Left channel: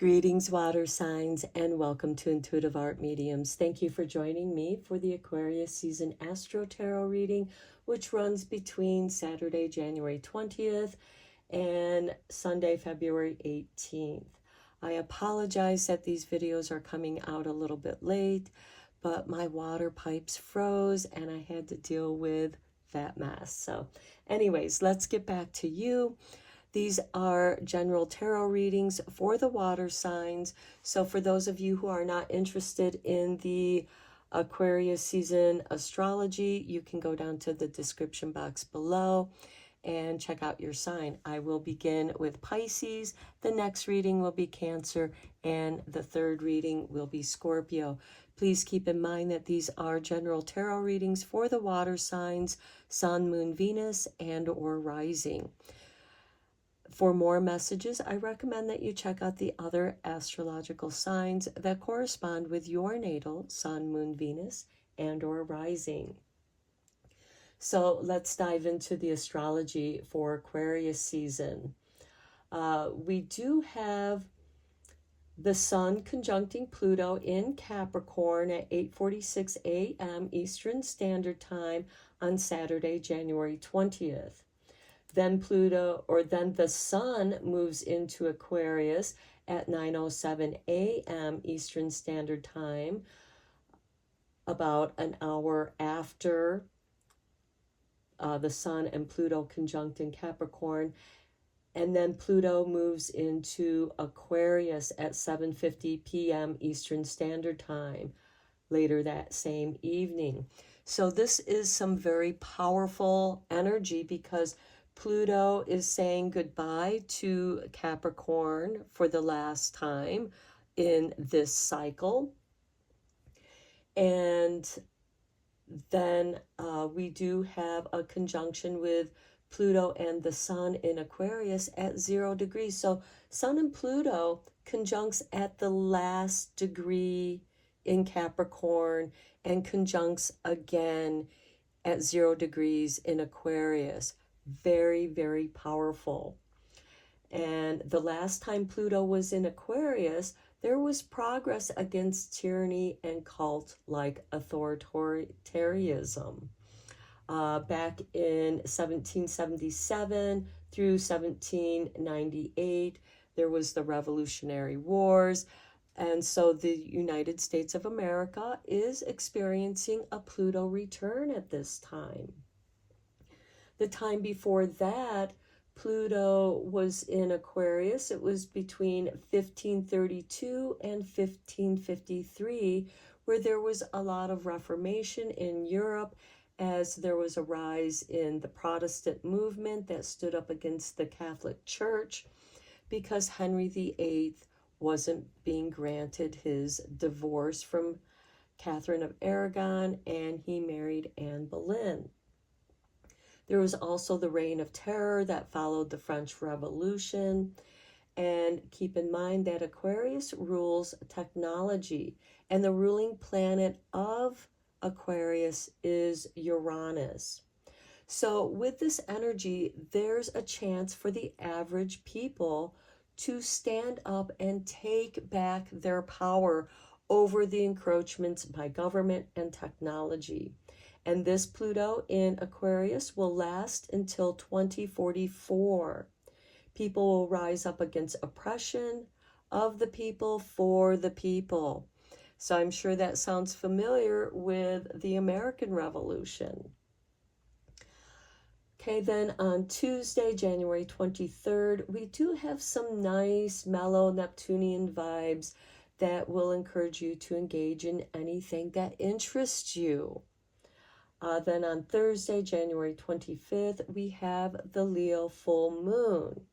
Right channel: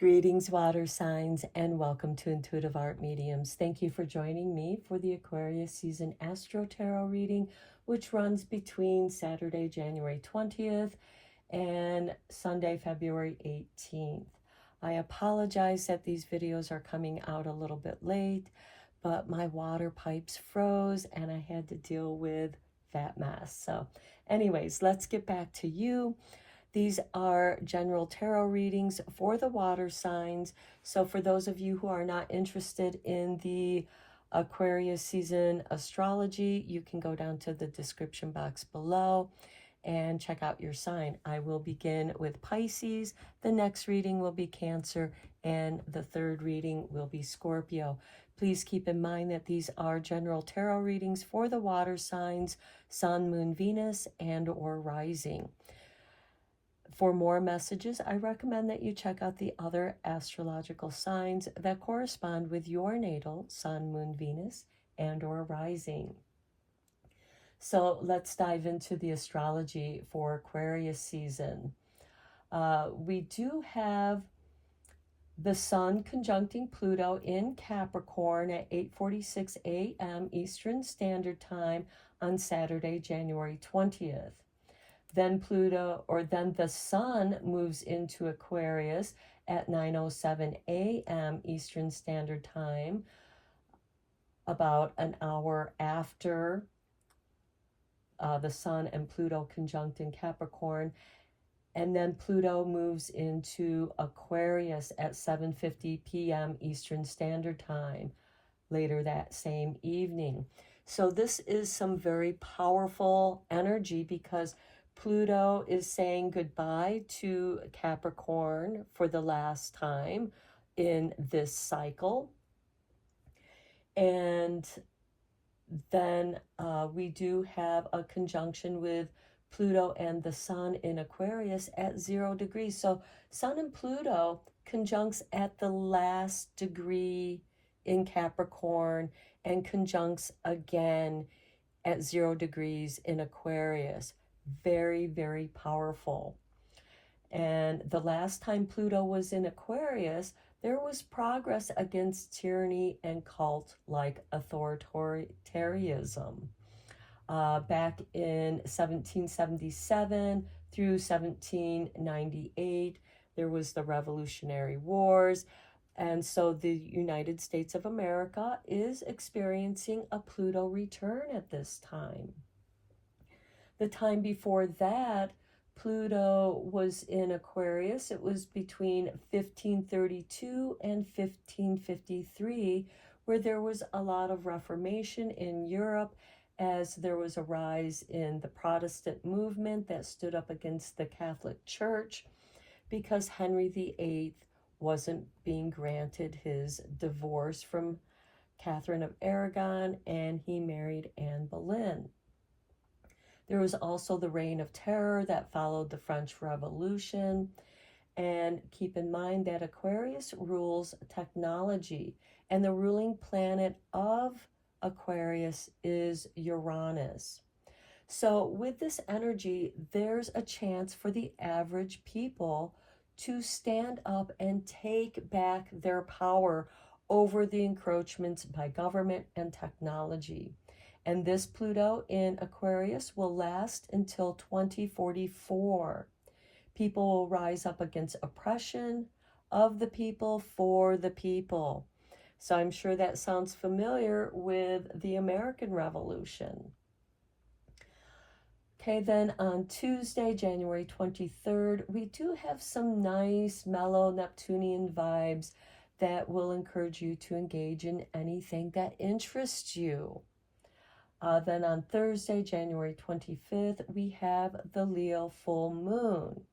Greetings, water signs, and welcome to Intuitive Art Mediums. Thank you for joining me for the Aquarius season Astro-Tarot reading, which runs between Saturday, January 20th and Sunday, February 18th. I apologize that these videos are coming out a little bit late, but my water pipes froze and I had to deal with that mess. So anyways, let's get back to you. These are general tarot readings for the water signs. So for those of you who are not interested in the Aquarius season astrology, you can go down to the description box below and check out your sign. I will begin with Pisces. The next reading will be Cancer, and the third reading will be Scorpio. Please keep in mind that these are general tarot readings for the water signs, Sun, Moon, Venus, and or rising. For more messages, I recommend that you check out the other astrological signs that correspond with your natal Sun, Moon, Venus, and or rising. So let's dive into the astrology for Aquarius season. We do have the Sun conjuncting Pluto in Capricorn at 8:46 a.m. Eastern Standard Time on Saturday, January 20th. Then the Sun moves into Aquarius at 9:07 a.m. Eastern Standard Time, about an hour after the Sun and Pluto conjunct in Capricorn. And then Pluto moves into Aquarius at 7:50 p.m. Eastern Standard Time later that same evening. So this is some very powerful energy because Pluto is saying goodbye to Capricorn for the last time in this cycle. And then we do have a conjunction with Pluto and the Sun in Aquarius at 0 degrees. So Sun and Pluto conjuncts at the last degree in Capricorn and conjuncts again at 0 degrees in Aquarius. Very, very powerful. And the last time Pluto was in Aquarius, there was progress against tyranny and cult-like authoritarianism. Back in 1777 through 1798, there was the Revolutionary Wars. And so the United States of America is experiencing a Pluto return at this time. The time before that, Pluto was in Aquarius. It was between 1532 and 1553, where there was a lot of Reformation in Europe as there was a rise in the Protestant movement that stood up against the Catholic Church because Henry VIII wasn't being granted his divorce from Catherine of Aragon, and he married Anne Boleyn. There was also the Reign of Terror that followed the French Revolution. And keep in mind that Aquarius rules technology, and the ruling planet of Aquarius is Uranus. So with this energy, there's a chance for the average people to stand up and take back their power over the encroachments by government and technology. And this Pluto in Aquarius will last until 2044. People will rise up against oppression of the people for the people. So I'm sure that sounds familiar with the American Revolution. Okay, then on Tuesday, January 23rd, we do have some nice, mellow Neptunian vibes that will encourage you to engage in anything that interests you. Then on Thursday, January 25th, we have the Leo full moon.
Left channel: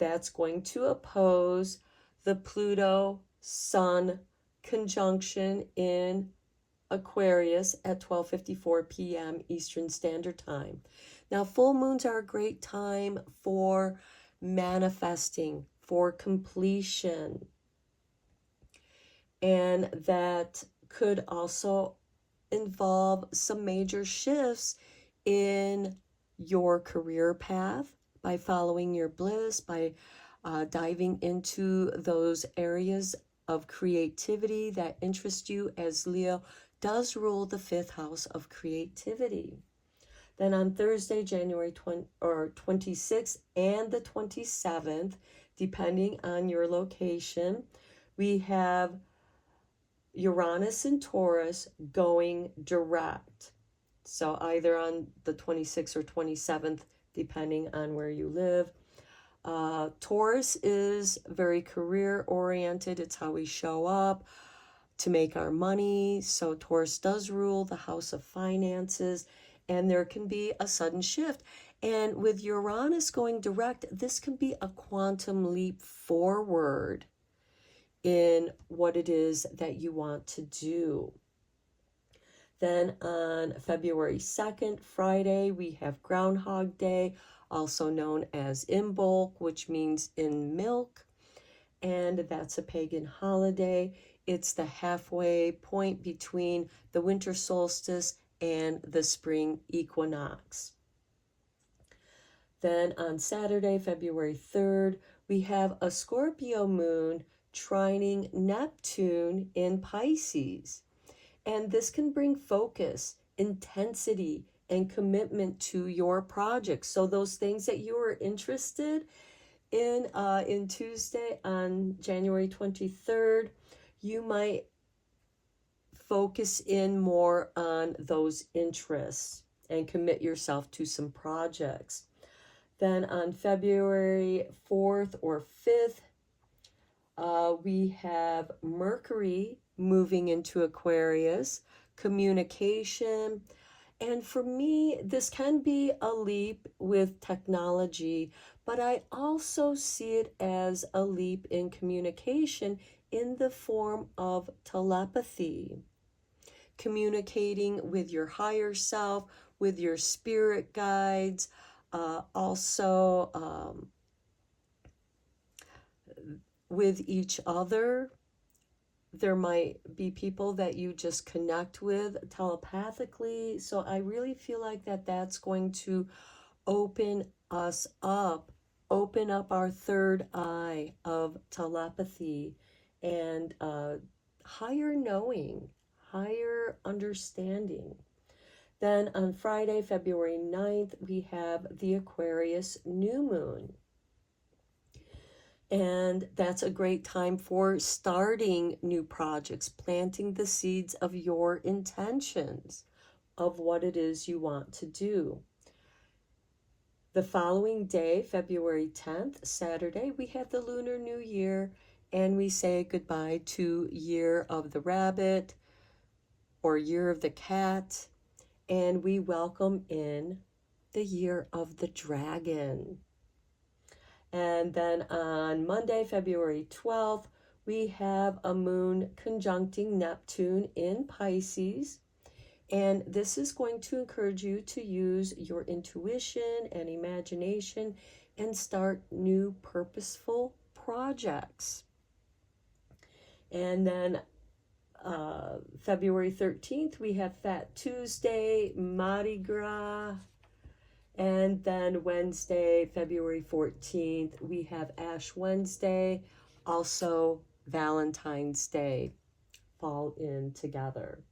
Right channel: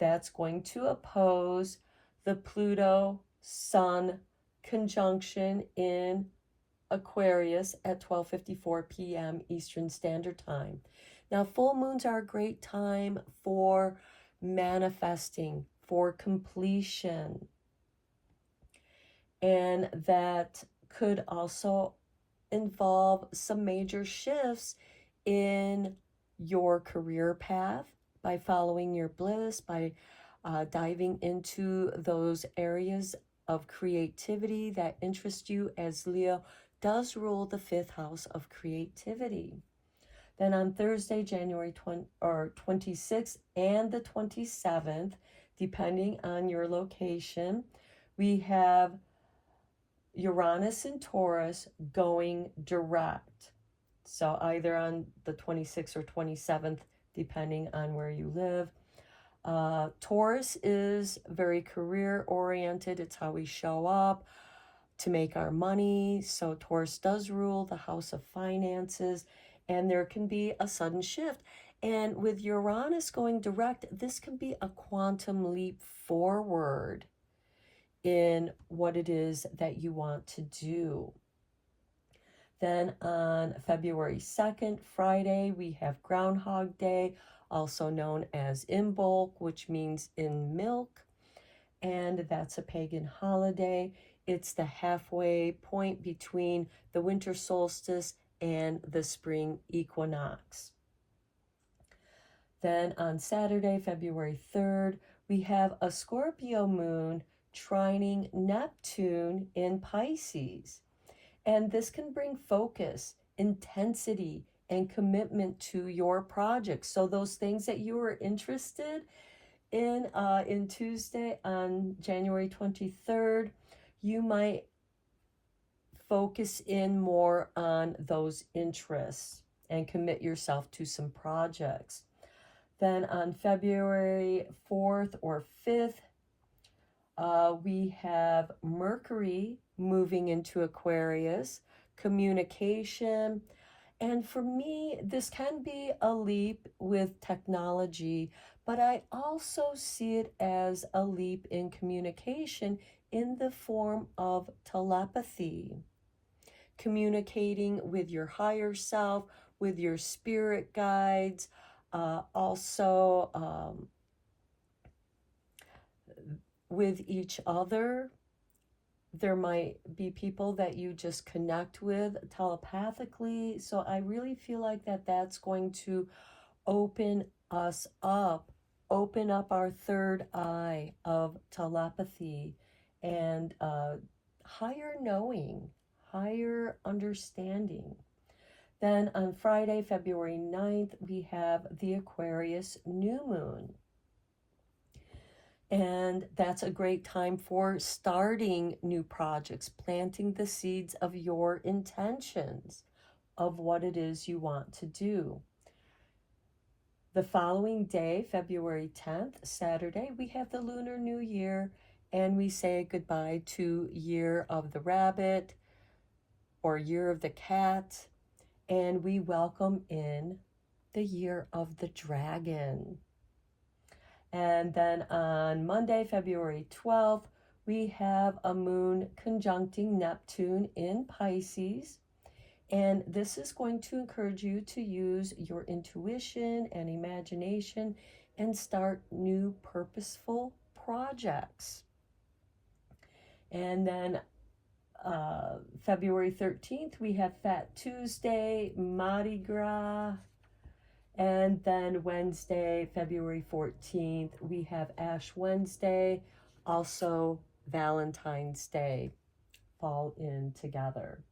That's going to oppose the Pluto-Sun conjunction in Aquarius at 12:54 p.m. Eastern Standard Time. Now, full moons are a great time for manifesting, for completion. And that could also involve some major shifts in your career path by following your bliss, by diving into those areas of creativity that interest you, as Leo does rule the 5th house of creativity. Then on Thursday, January 26th and the 27th, depending on your location, we have Uranus and Taurus going direct. So either on the 26th or 27th, depending on where you live. Taurus is very career oriented. It's how we show up to make our money. So Taurus does rule the house of finances, and there can be a sudden shift. And with Uranus going direct, this can be a quantum leap forward in what it is that you want to do. Then on February 2nd, Friday, we have Groundhog Day, also known as Imbolc, which means in milk. And that's a pagan holiday. It's the halfway point between the winter solstice and the spring equinox. Then on Saturday, February 3rd, we have a Scorpio moon trining Neptune in Pisces. And this can bring focus, intensity, and commitment to your project. So those things that you were interested in Tuesday on January 23rd, you might focus in more on those interests and commit yourself to some projects. Then on February 4th or 5th, we have Mercury moving into Aquarius, communication. And for me, this can be a leap with technology, but I also see it as a leap in communication in the form of telepathy. Communicating with your higher self, with your spirit guides, also with each other. There might be people that you just connect with telepathically. So I really feel like that's going to open us up, open up our third eye of telepathy and higher knowing, higher understanding. Then on Friday, February 9th, we have the Aquarius new moon. And that's a great time for starting new projects, planting the seeds of your intentions of what it is you want to do. The following day, February 10th, Saturday, we have the Lunar New Year, and we say goodbye to Year of the Rabbit or Year of the Cat, and we welcome in the Year of the Dragon. And then on Monday, February 12th, we have a moon conjuncting Neptune in Pisces. And this is going to encourage you to use your intuition and imagination and start new purposeful projects. And then February 13th, we have Fat Tuesday, Mardi Gras. And then Wednesday, February 14th, we have Ash Wednesday, also Valentine's Day, fall in together.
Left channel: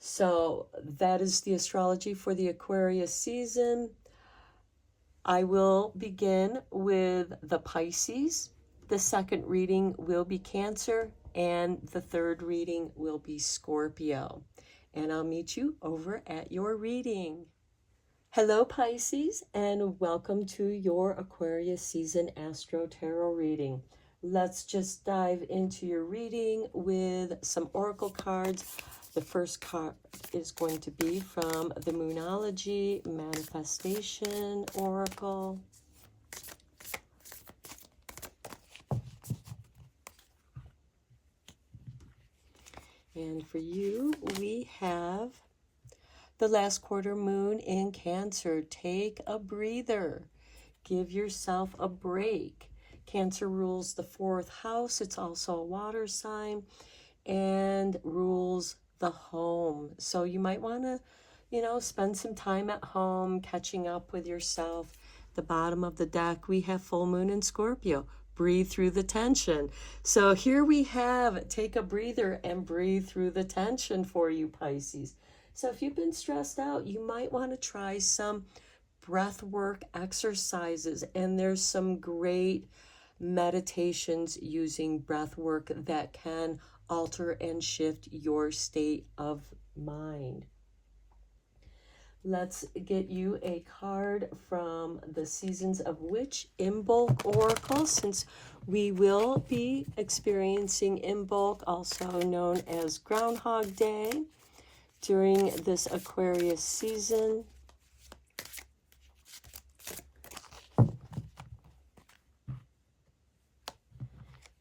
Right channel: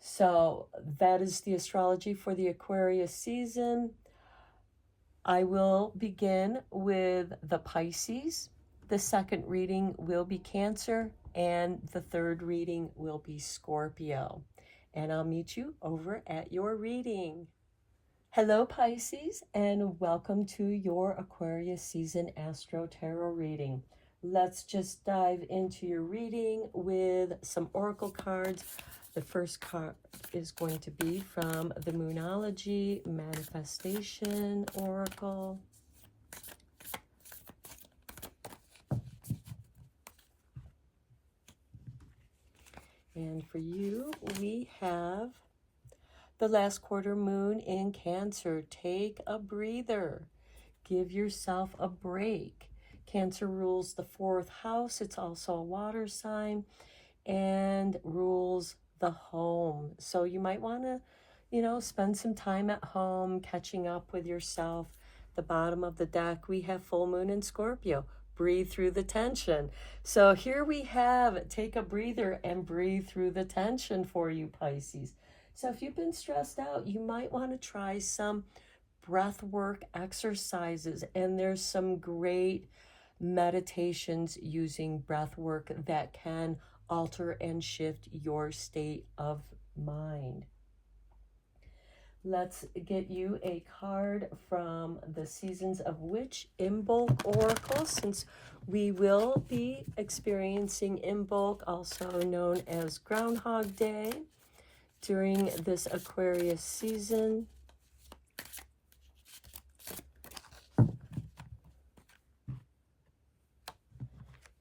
So that is the astrology for the Aquarius season. I will begin with the Pisces. The second reading will be Cancer, and the third reading will be Scorpio. And I'll meet you over at your reading. Hello Pisces, and welcome to your Aquarius season Astro-Tarot reading. Let's just dive into your reading with some oracle cards. The first card is going to be from the Moonology Manifestation Oracle. And for you, we have the last quarter moon in Cancer. Take a breather. Give yourself a break. Cancer rules the 4th house. It's also a water sign and rules the home. So you might want to, spend some time at home catching up with yourself The bottom of the deck, we have full moon in Scorpio. Breathe through the tension. So here we have, take a breather and breathe through the tension for you, Pisces. So if you've been stressed out, you might want to try some breath work exercises. And there's some great meditations using breath work that can alter and shift your state of mind. Let's get you a card from the Seasons of Witch Imbolc Oracle, since we will be experiencing Imbolc, also known as Groundhog Day, during this Aquarius season.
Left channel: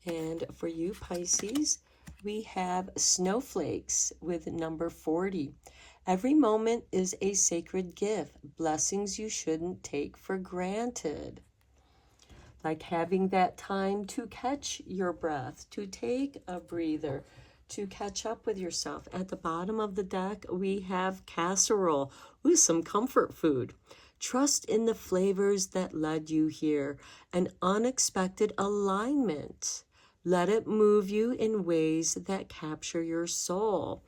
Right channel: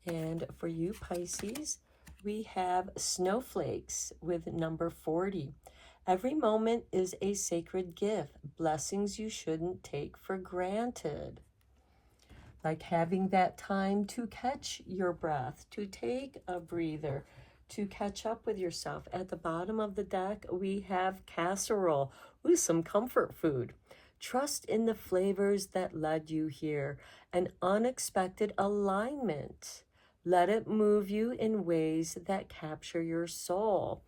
And for you, Pisces, we have snowflakes with number 40. Every moment is a sacred gift, blessings you shouldn't take for granted. Like having that time to catch your breath, to take a breather, to catch up with yourself. At the bottom of the deck, we have casserole. Ooh, some comfort food. Trust in the flavors that led you here. An unexpected alignment. Let it move you in ways that capture your soul.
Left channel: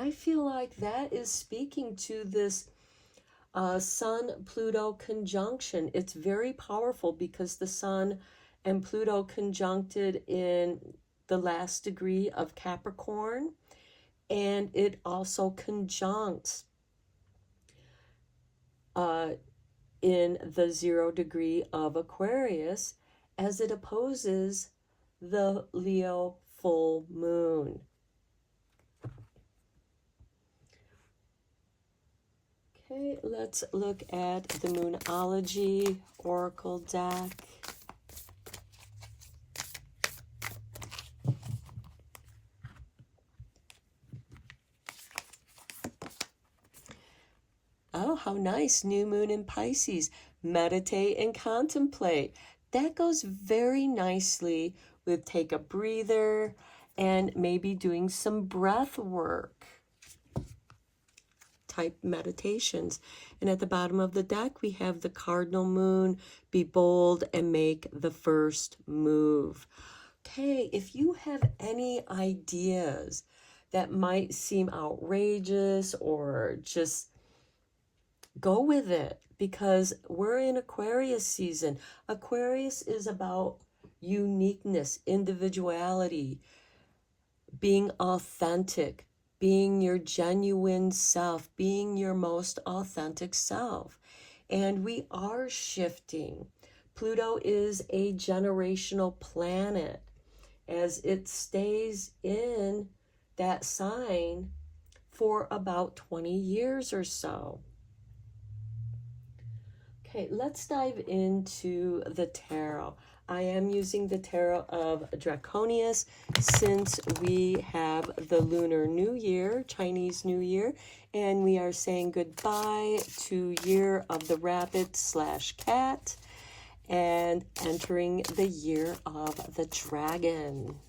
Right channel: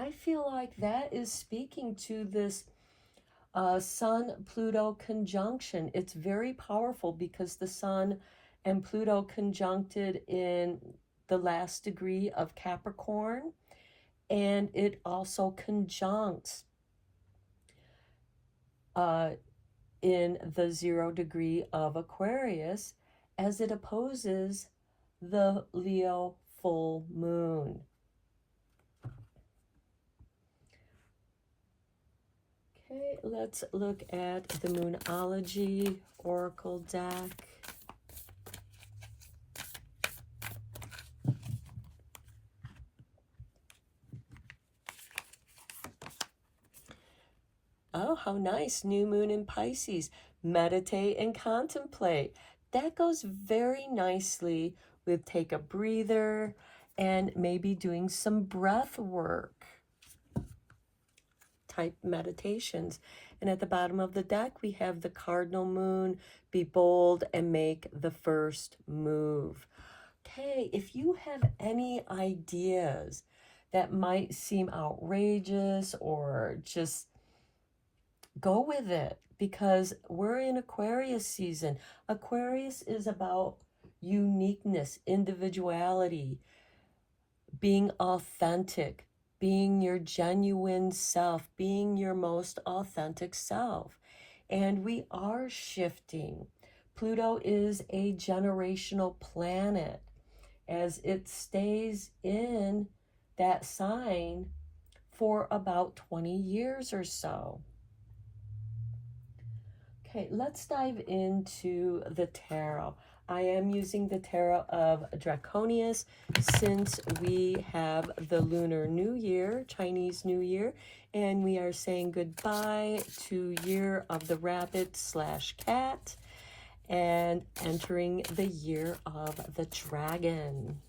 I feel like that is speaking to this Sun-Pluto conjunction. It's very powerful because the Sun and Pluto conjuncted in the last degree of Capricorn, and it also conjuncts in the 0 degree of Aquarius, as it opposes the Leo full moon. Okay, let's look at the Moonology Oracle deck. Oh, how nice. New moon in Pisces. Meditate and contemplate. That goes very nicely with take a breather and maybe doing some breath work type meditations. And at the bottom of the deck, we have the cardinal moon. Be bold and make the first move. Okay, if you have any ideas that might seem outrageous, or just go with it, because we're in Aquarius season. Aquarius is about uniqueness, individuality, being authentic, being your genuine self, being your most authentic self. And we are shifting. Pluto is a generational planet, as it stays in that sign for about 20 years or so. Okay, let's dive into the tarot. I am using the tarot of Draconius, since we have the Lunar New Year, Chinese New Year, and we are saying goodbye to Year of the Rabbit/Cat and entering the Year of the Dragon.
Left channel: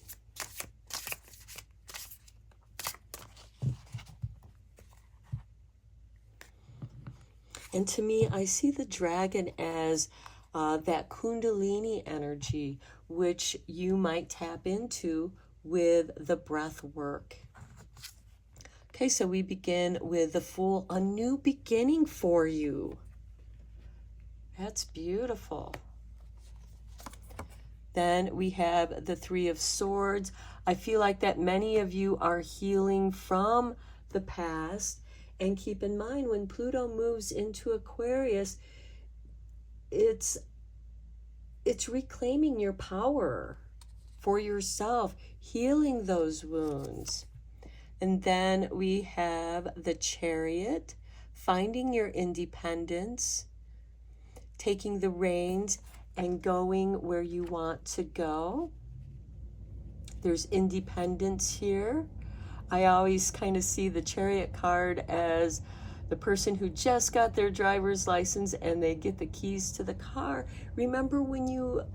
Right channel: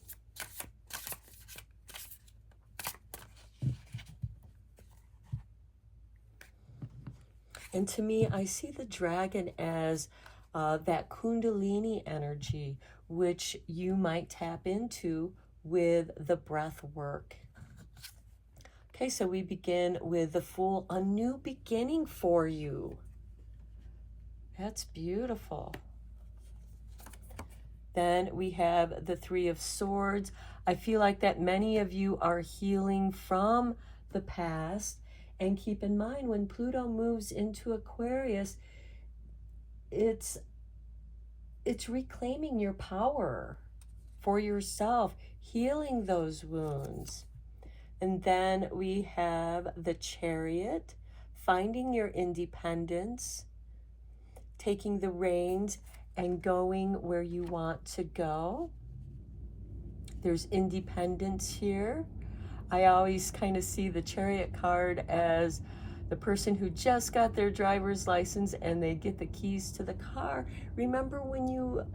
And to me, I see the dragon as that Kundalini energy, which you might tap into with the breath work. Okay, so we begin with the Fool, a new beginning for you. That's beautiful. Then we have the Three of Swords. I feel like that many of you are healing from the past. And keep in mind, when Pluto moves into Aquarius, it's reclaiming your power for yourself, healing those wounds. And then we have the Chariot, finding your independence, taking the reins and going where you want to go. There's independence here. I always kind of see the Chariot card as the person who just got their driver's license and they get the keys to the car. Remember when you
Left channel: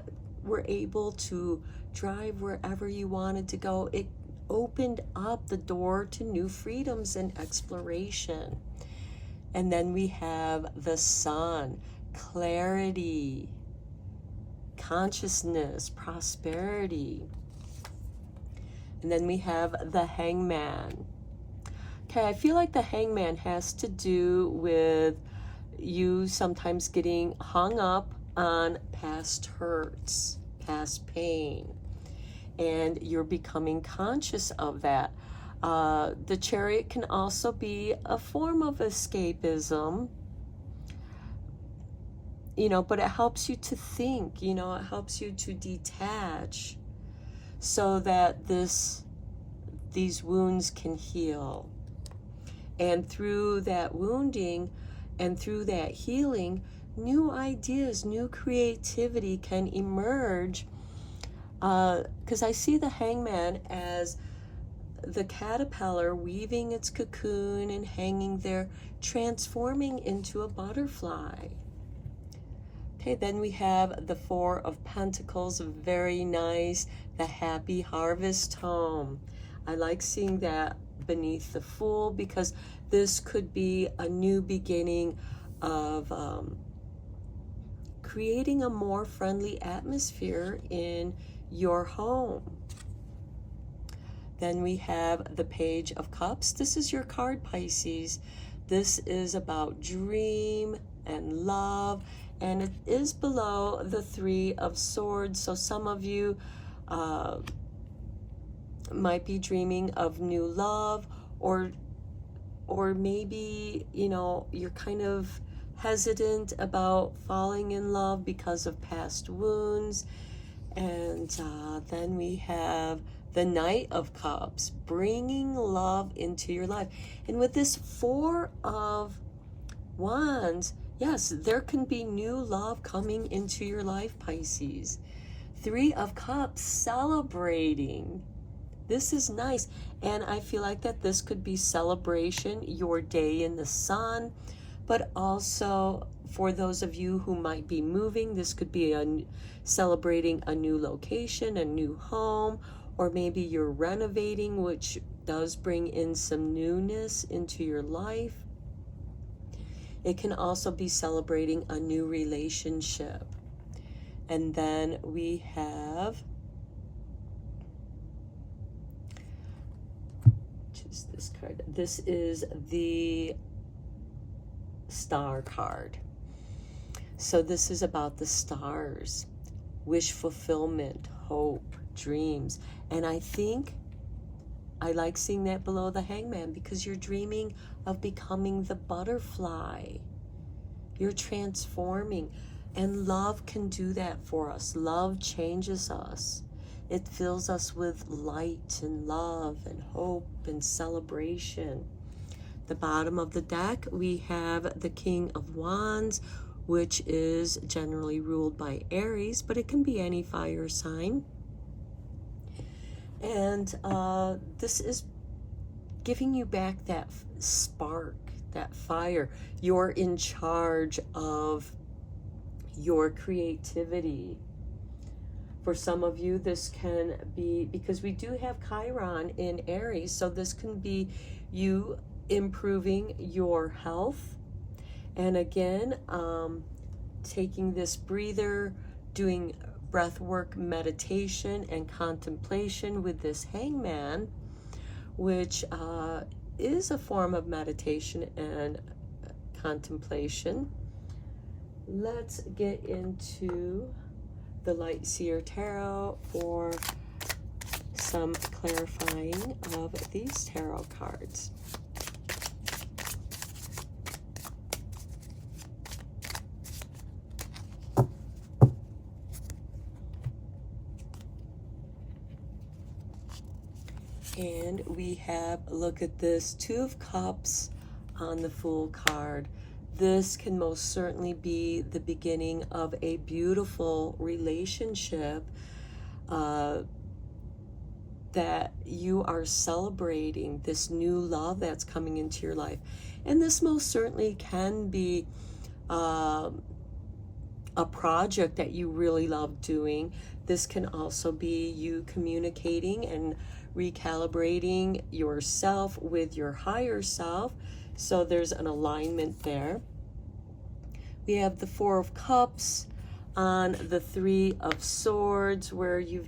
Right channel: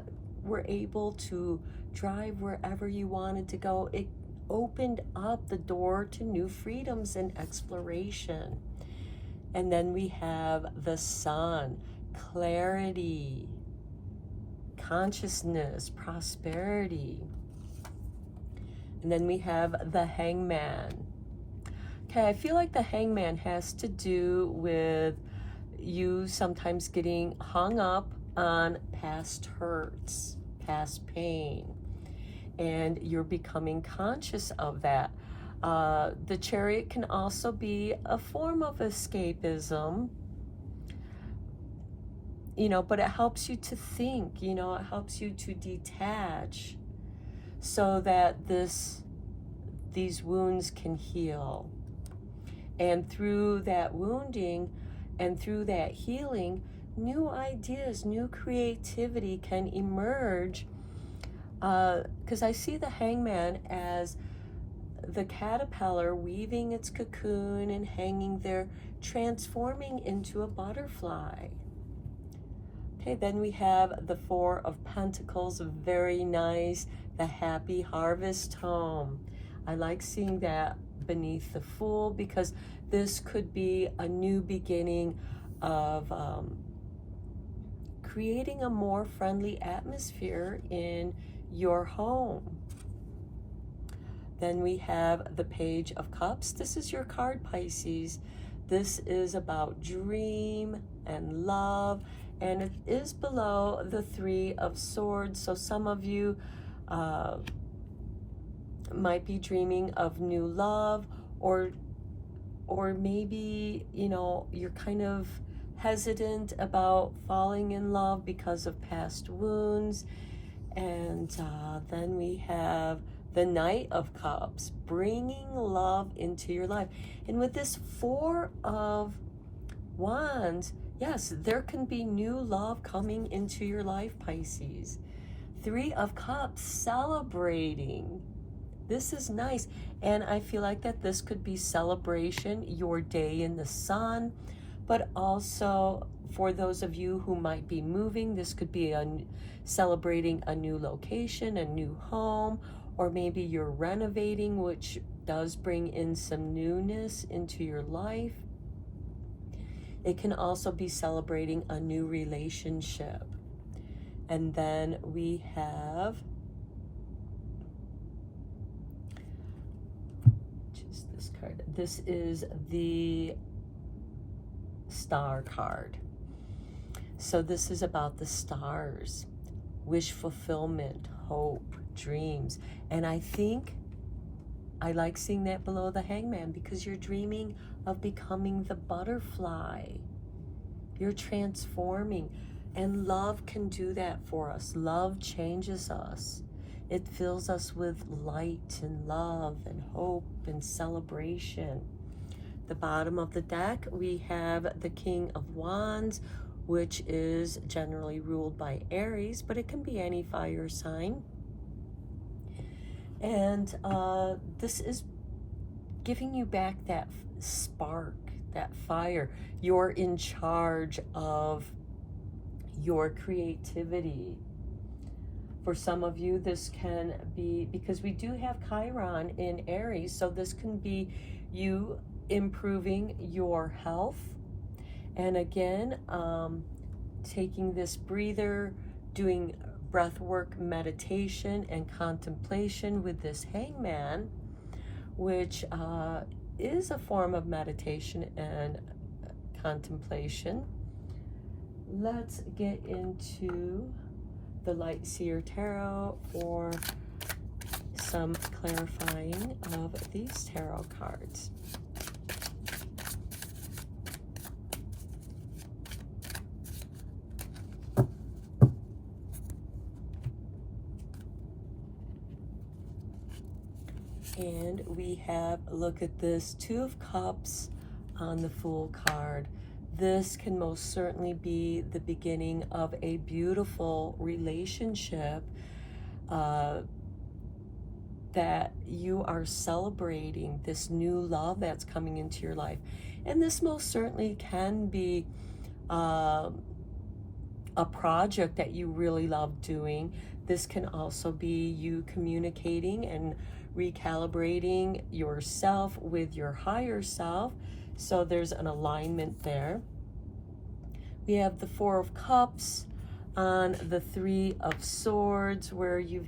were able to drive wherever you wanted to go? It opened up the door to new freedoms and exploration. And then we have the Sun, clarity, consciousness, prosperity. And then we have the Hangman. Okay, I feel like the Hangman has to do with you sometimes getting hung up on past hurts, past pain, and you're becoming conscious of that. The Chariot can also be a form of escapism, you know, but it helps you to think, you know, it helps you to detach so that these wounds can heal. And through that wounding and through that healing, new ideas, new creativity can emerge. Because I see the Hangman as the caterpillar weaving its cocoon and hanging there, transforming into a butterfly. Okay, then we have the Four of Pentacles, very nice, the happy harvest home. I like seeing that beneath the Fool, because this could be a new beginning of creating a more friendly atmosphere in your home. Then we have the Page of Cups. This is your card, Pisces. This is about dream and love, and it is below the Three of Swords. So some of you might be dreaming of new love, or maybe, you know, you're kind of hesitant about falling in love because of past wounds. And then we have the Knight of Cups, bringing love into your life. And with this Four of Wands, yes, there can be new love coming into your life, Pisces. Three of Cups, celebrating. This is nice. And I feel like that this could be celebration, your day in the sun, but also for those of you who might be moving, this could be celebrating a new location, a new home, or maybe you're renovating, which does bring in some newness into your life. It can also be celebrating a new relationship. And then we have just this card. This is the Star card. So this is about the stars, wish fulfillment, hope, dreams. And I think I like seeing that below the Hangman, because you're dreaming of becoming the butterfly. You're transforming, and love can do that for us. Love changes us. It fills us with light and love and hope and celebration. The bottom of the deck, we have the King of Wands, which is generally ruled by Aries, but it can be any fire sign. And this is giving you back that spark, that fire. You're in charge of your creativity. For some of you, this can be, because we do have Chiron in Aries, so this can be you improving your health. And again, taking this breather, doing breath work, meditation, and contemplation with this Hangman, which is a form of meditation and contemplation. Let's get into the Light Seer Tarot for some clarifying of these tarot cards. And we have, look at this, Two of Cups on the Fool card. This can most certainly be the beginning of a beautiful relationship that you are celebrating, this new love that's coming into your life. And this most certainly can be a project that you really love doing. This can also be you communicating and recalibrating yourself with your higher self. So there's an alignment there. We have the Four of Cups on the Three of Swords, where you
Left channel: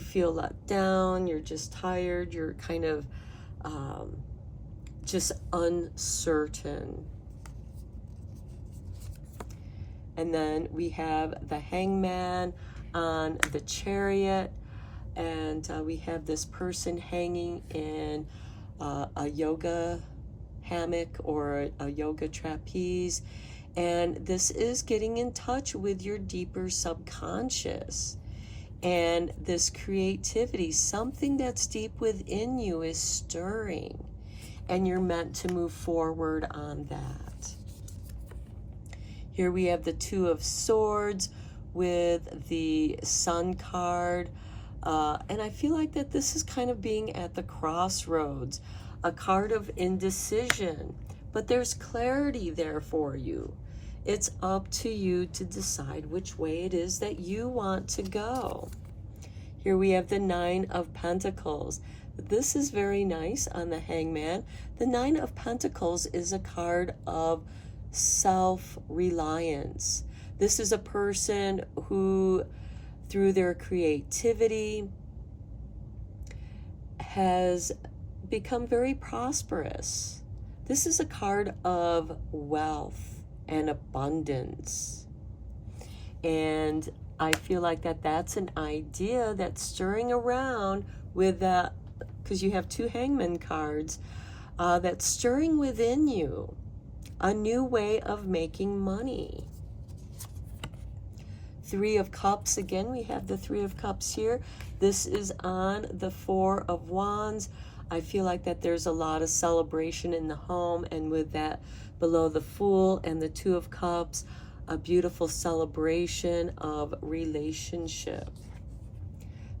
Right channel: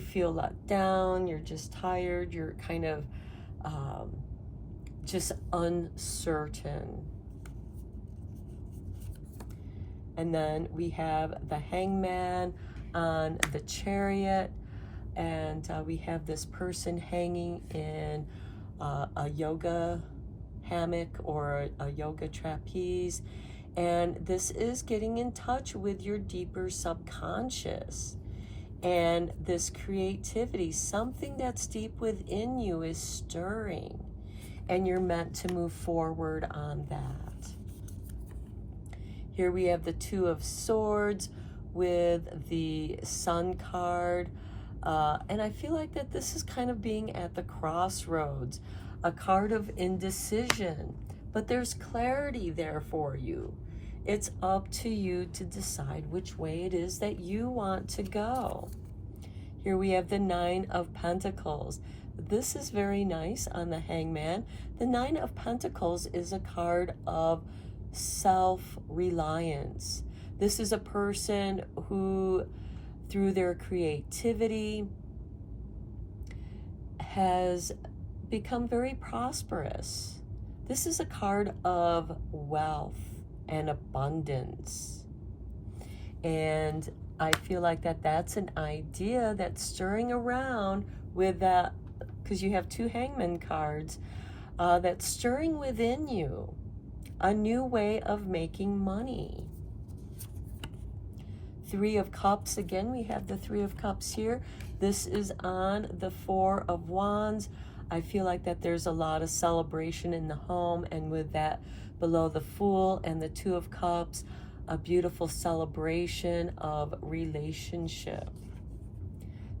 feel let down, you're just tired, you're kind of just uncertain. And then we have the Hangman on the Chariot, and we have this person hanging in a yoga hammock or a yoga trapeze, and this is getting in touch with your deeper subconscious. And this creativity, something that's deep within you, is stirring, and you're meant to move forward on that. Here we have the Two of Swords with the Sun card. And I feel like that this is kind of being at the crossroads, a card of indecision, but there's clarity there for you. It's up to you to decide which way it is that you want to go. Here we have the Nine of Pentacles. This is very nice on the Hangman. The Nine of Pentacles is a card of self-reliance. This is a person who, through their creativity, has become very prosperous. This is a card of wealth and abundance. And I feel like that's an idea that's stirring around with that, because you have two Hangman cards, that's stirring within you a new way of making money. Three of Cups, again, we have the Three of Cups here. This is on the Four of Wands. I feel like that there's a lot of celebration in the home, and with that below the Fool and the Two of Cups, a beautiful celebration of relationship.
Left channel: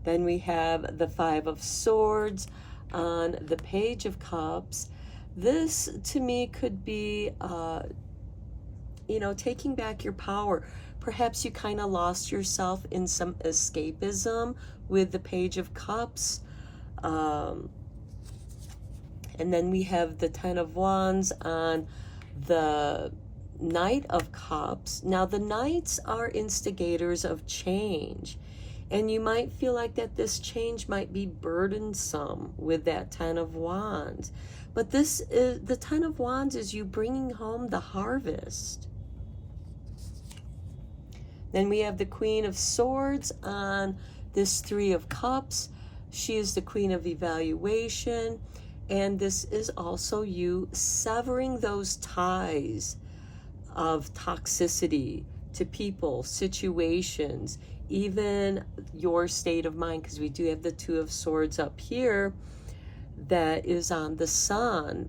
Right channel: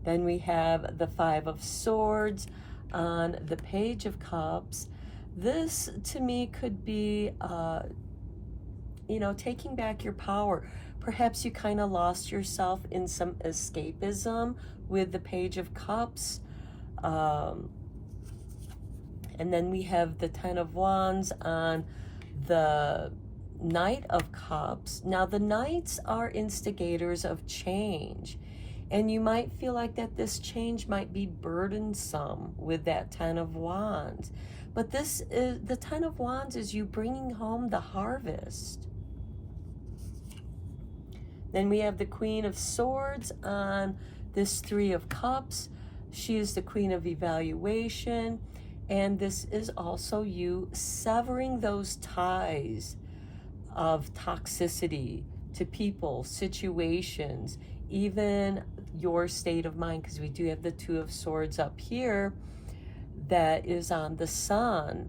Then we have the Five of Swords on the Page of Cups. This, to me, could be, taking back your power. Perhaps you kind of lost yourself in some escapism with the Page of Cups. And then we have the Ten of Wands on the Knight of Cups. Now, the Knights are instigators of change, and you might feel like that this change might be burdensome with that Ten of Wands. But this is the Ten of Wands is you bringing home the harvest. Then we have the Queen of Swords on this Three of Cups. She is the Queen of Evaluation, and this is also you severing those ties of toxicity to people, situations, even your state of mind, because we do have the Two of Swords up here that is on the Sun.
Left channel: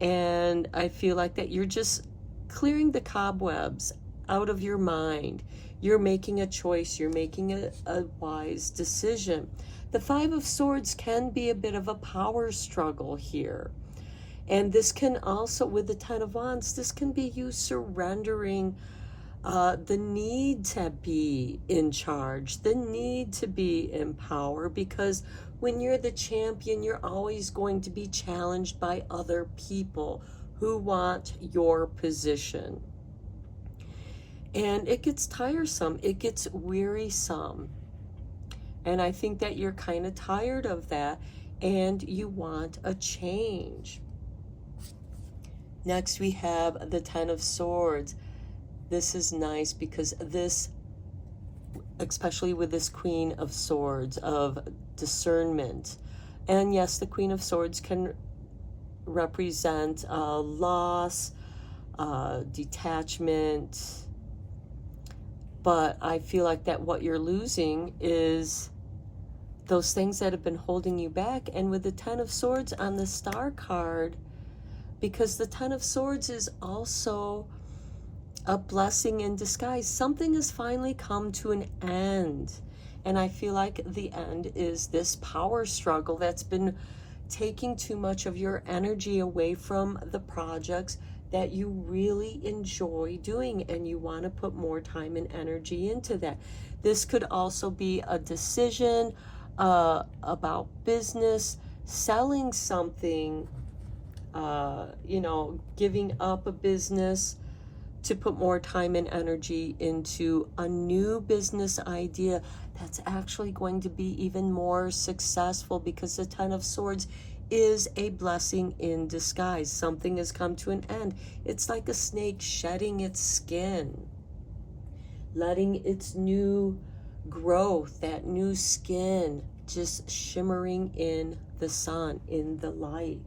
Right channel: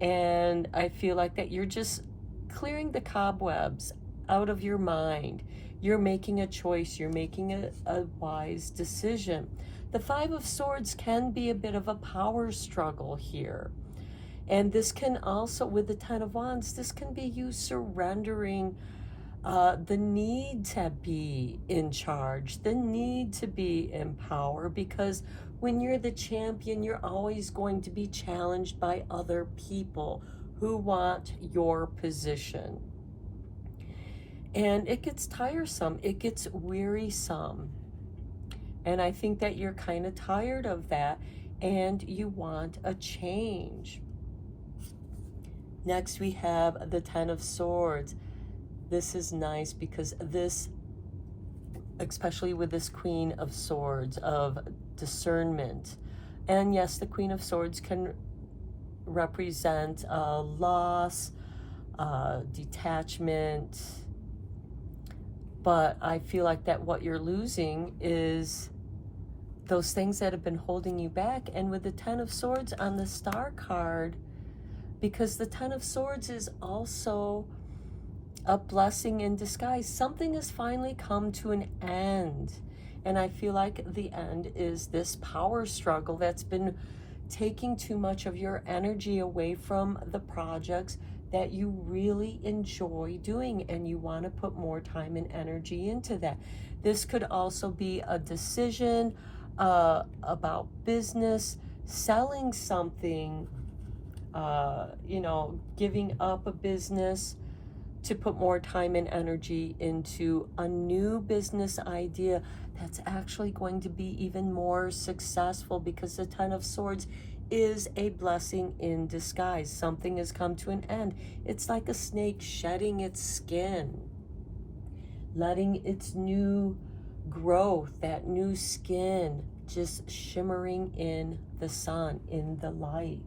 And I feel like that you're just clearing the cobwebs out of your mind. You're making a choice. You're making a wise decision. The Five of Swords can be a bit of a power struggle here. And this can also, with the Ten of Wands, this can be you surrendering the need to be in charge, the need to be in power, because when you're the champion, you're always going to be challenged by other people who want your position. And it gets tiresome, it gets wearisome. And I think that you're kind of tired of that and you want a change. Next, we have the Ten of Swords. This is nice because this, especially with this Queen of Swords, of discernment. And yes, the Queen of Swords can represent loss, detachment. But I feel like that what you're losing is those things that have been holding you back. And with the Ten of Swords on the Star card, because the Ten of Swords is also a blessing in disguise. Something has finally come to an end. And I feel like the end is this power struggle that's been taking too much of your energy away from the projects that you really enjoy doing, and you want to put more time and energy into that. This could also be a decision about business, selling something, giving up a business to put more time and energy into a new business idea that's actually going to be even more successful, because the Ten of Swords is a blessing in disguise. Something has come to an end. It's like a snake shedding its skin, letting its new growth, that new skin, just shimmering in the sun, in the light.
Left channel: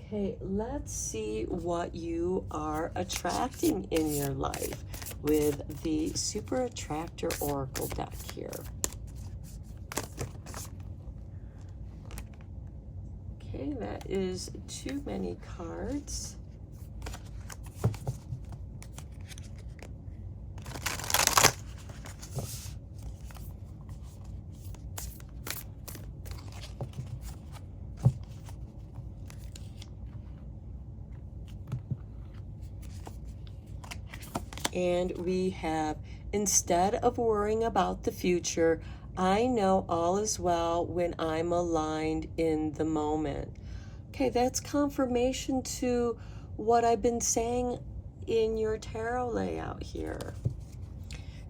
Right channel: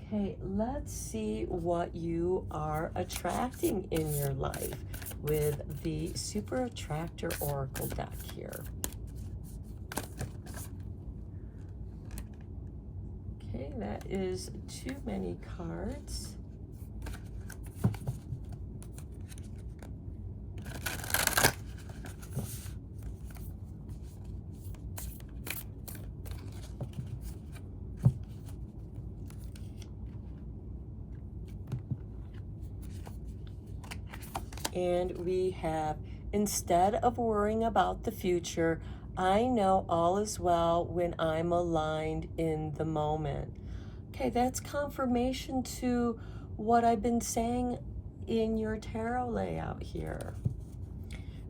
Okay, let's see what you are attracting in your life with the Super Attractor Oracle deck here. Okay, that is too many cards. And we have, instead of worrying about the future, I know all is well when I'm aligned in the moment. Okay, that's confirmation to what I've been saying in your tarot layout here.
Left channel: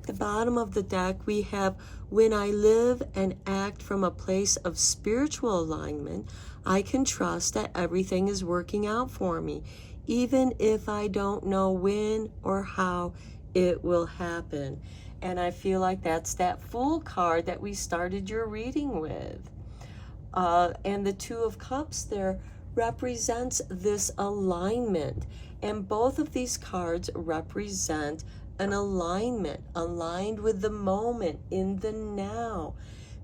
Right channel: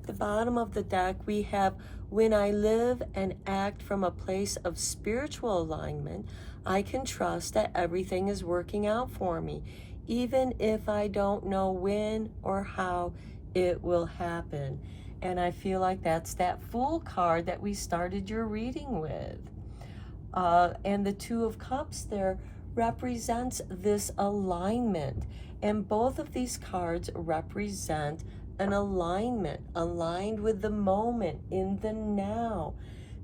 The bottom of the deck, we have, when I live and act from a place of spiritual alignment, I can trust that everything is working out for me, even if I don't know when or how it will happen. And I feel like that's that Fool card that we started your reading with. And the Two of Cups there represents this alignment. And both of these cards represent an alignment, aligned with the moment, in the now,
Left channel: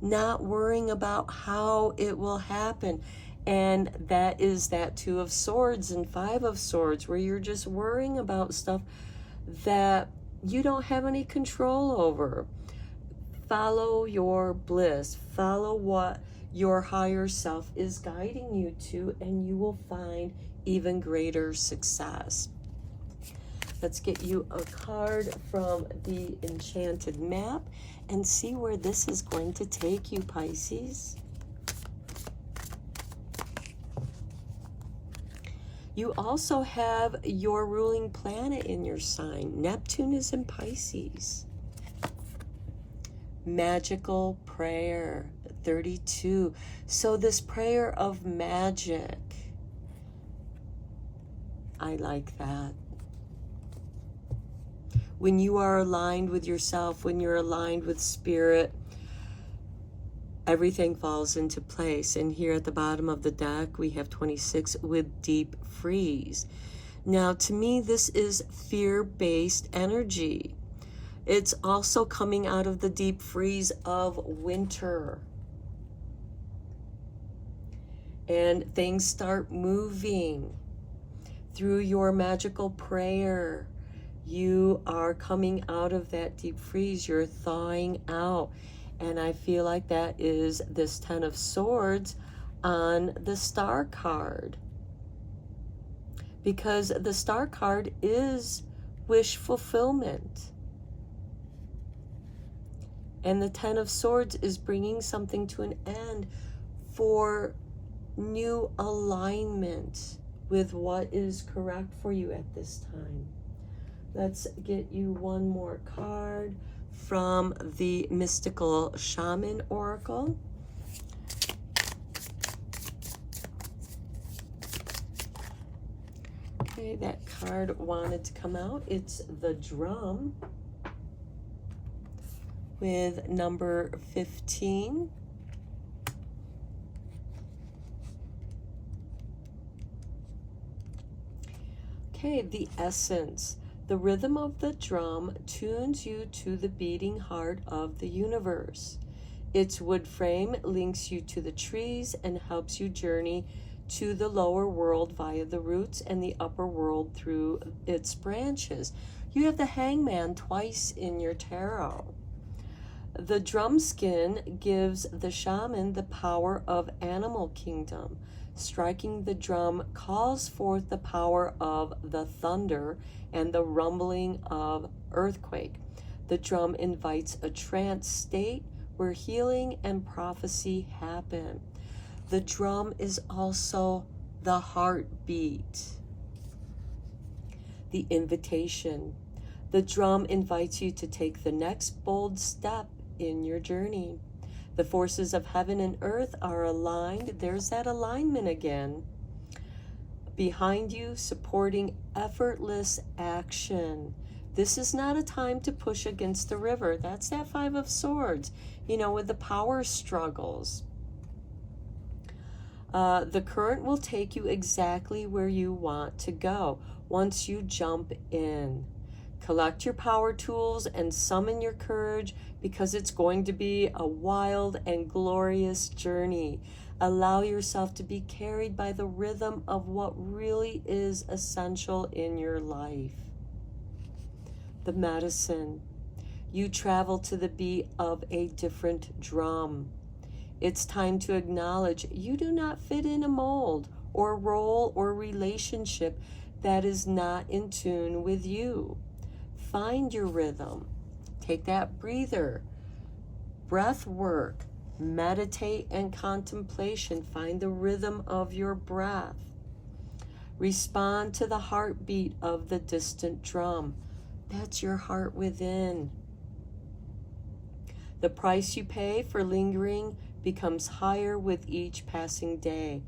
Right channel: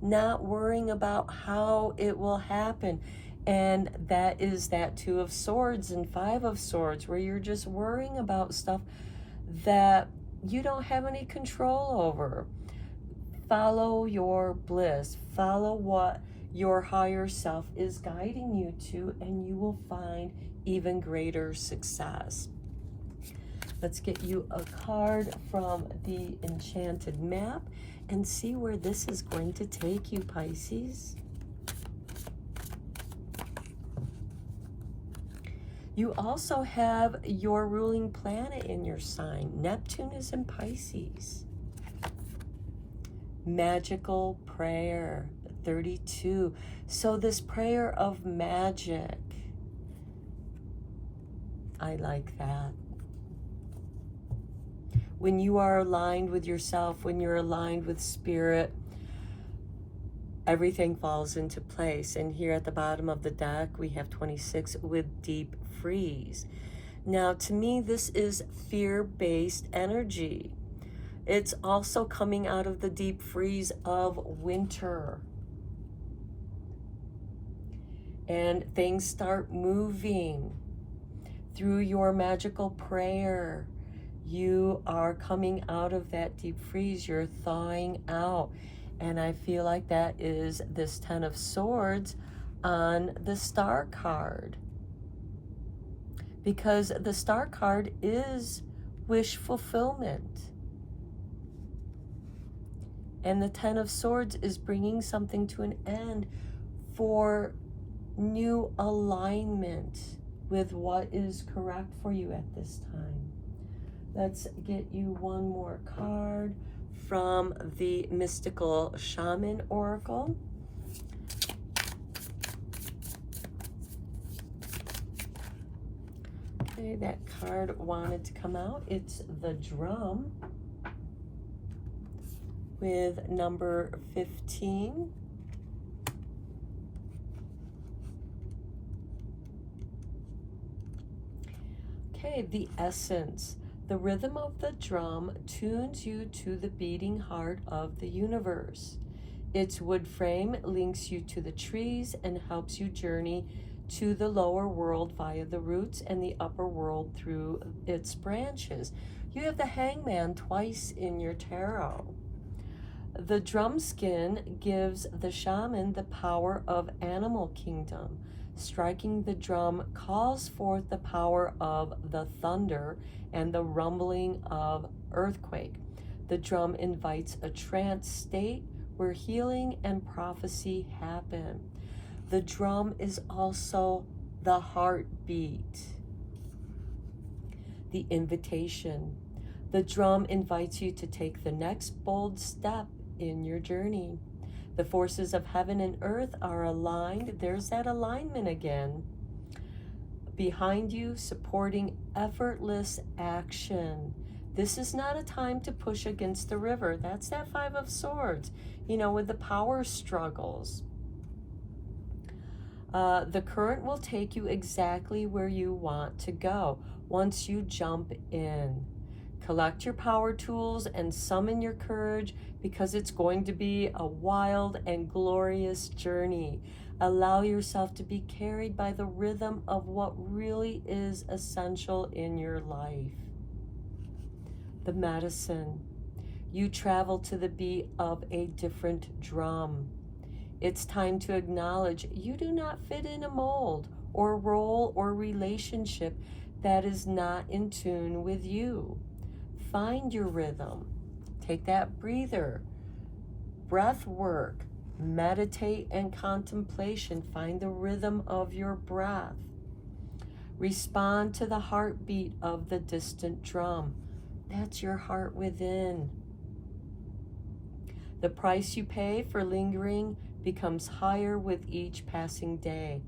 not worrying about how it will happen. And that is that Two of Swords and Five of Swords, where you're just worrying about stuff that you don't have any control over. Follow your bliss, follow what your higher self is guiding you to, and you will find even greater success. Let's get you a card from the Enchanted Map and see where this is going to take you, Pisces. You also have your ruling planet in your sign. Neptune is in Pisces. Magical prayer, 32. So this prayer of magic, I like that. When you are aligned with yourself, when you're aligned with spirit, everything falls into place. And here at the bottom of the deck, we have 26 with deep freeze. Now, to me, this is fear-based energy. It's also coming out of the deep freeze of winter. And things start moving through your magical prayer. You are coming out of that deep freeze. You're thawing out. And I feel like that is this Ten of Swords on the Star card. Because the Star card is wish fulfillment. And the Ten of Swords is bringing something to an end for new alignment with what is correct for you at this time. Let's get you one more card from the Mystical Shaman Oracle. Okay, that card wanted to come out. It's the Drum with number 15. Okay, the Essence. The rhythm of the drum tunes you to the beating heart of the universe. Its wood frame links you to the trees and helps you journey to the lower world via the roots and the upper world through its branches. You have the Hangman twice in your tarot. The drum skin gives the shaman the power of animal kingdom. Striking the drum calls forth the power of the thunder and the rumbling of earthquake. The drum invites a trance state where healing and prophecy happen. The drum is also the heartbeat. the invitation. The drum invites you to take the next bold step in your journey. The forces of heaven and earth are aligned. There's that alignment again. Behind you, supporting effortless action. This is not a time to push against the river. That's that Five of Swords, you know, with the power struggles. The current will take you exactly where you want to go once you jump in. Collect your power tools and summon your courage, because it's going to be a wild and glorious journey. Allow yourself to be carried by the rhythm of what really is essential in your life. The medicine. You travel to the beat of a different drum. It's time to acknowledge you do not fit in a mold or role or relationship that is not in tune with you. Find your rhythm. Take that breather. Breath work. Meditate and contemplation. Find the rhythm of your breath. Respond to the heartbeat of the distant drum. That's your heart within. The price you pay for lingering becomes higher with each passing day.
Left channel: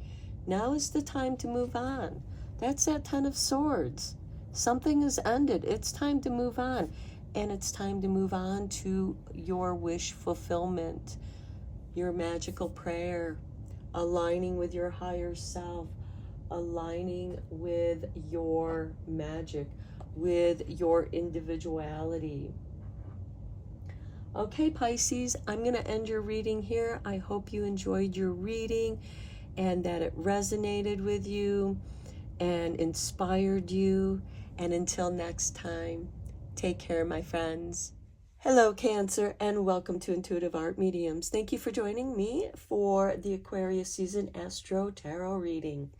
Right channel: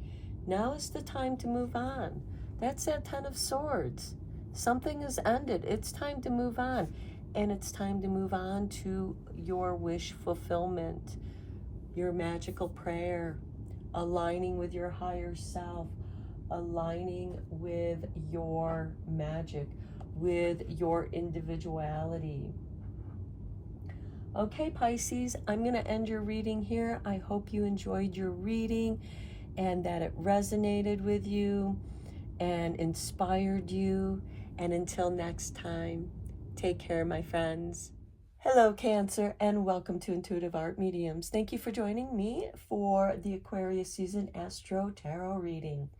Now is the time to move on. That's that Ten of Swords. Something has ended. It's time to move on. And it's time to move on to your wish fulfillment, your magical prayer, aligning with your higher self, aligning with your magic, with your individuality. Okay, Pisces, I'm going to end your reading here. I hope you enjoyed your reading and that it resonated with you and inspired you. And until next time, take care, my friends. Hello, Cancer, and welcome to Intuitive Art Mediums. Thank you for joining me for the Aquarius season Astro Tarot reading.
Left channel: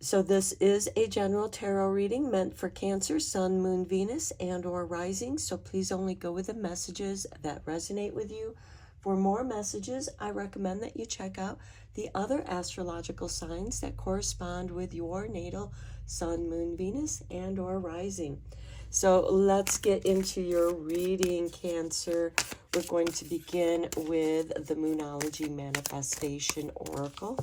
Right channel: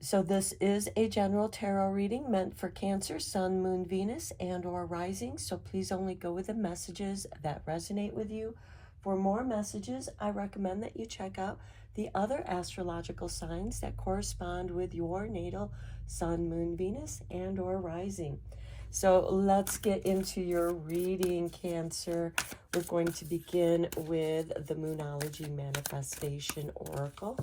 So this is a general tarot reading meant for Cancer, Sun, Moon, Venus, and or Rising. So please only go with the messages that resonate with you. For more messages, I recommend that you check out the other astrological signs that correspond with your natal Sun, Moon, Venus, and or Rising. So let's get into your reading, Cancer. We're going to begin with the Moonology Manifestation Oracle.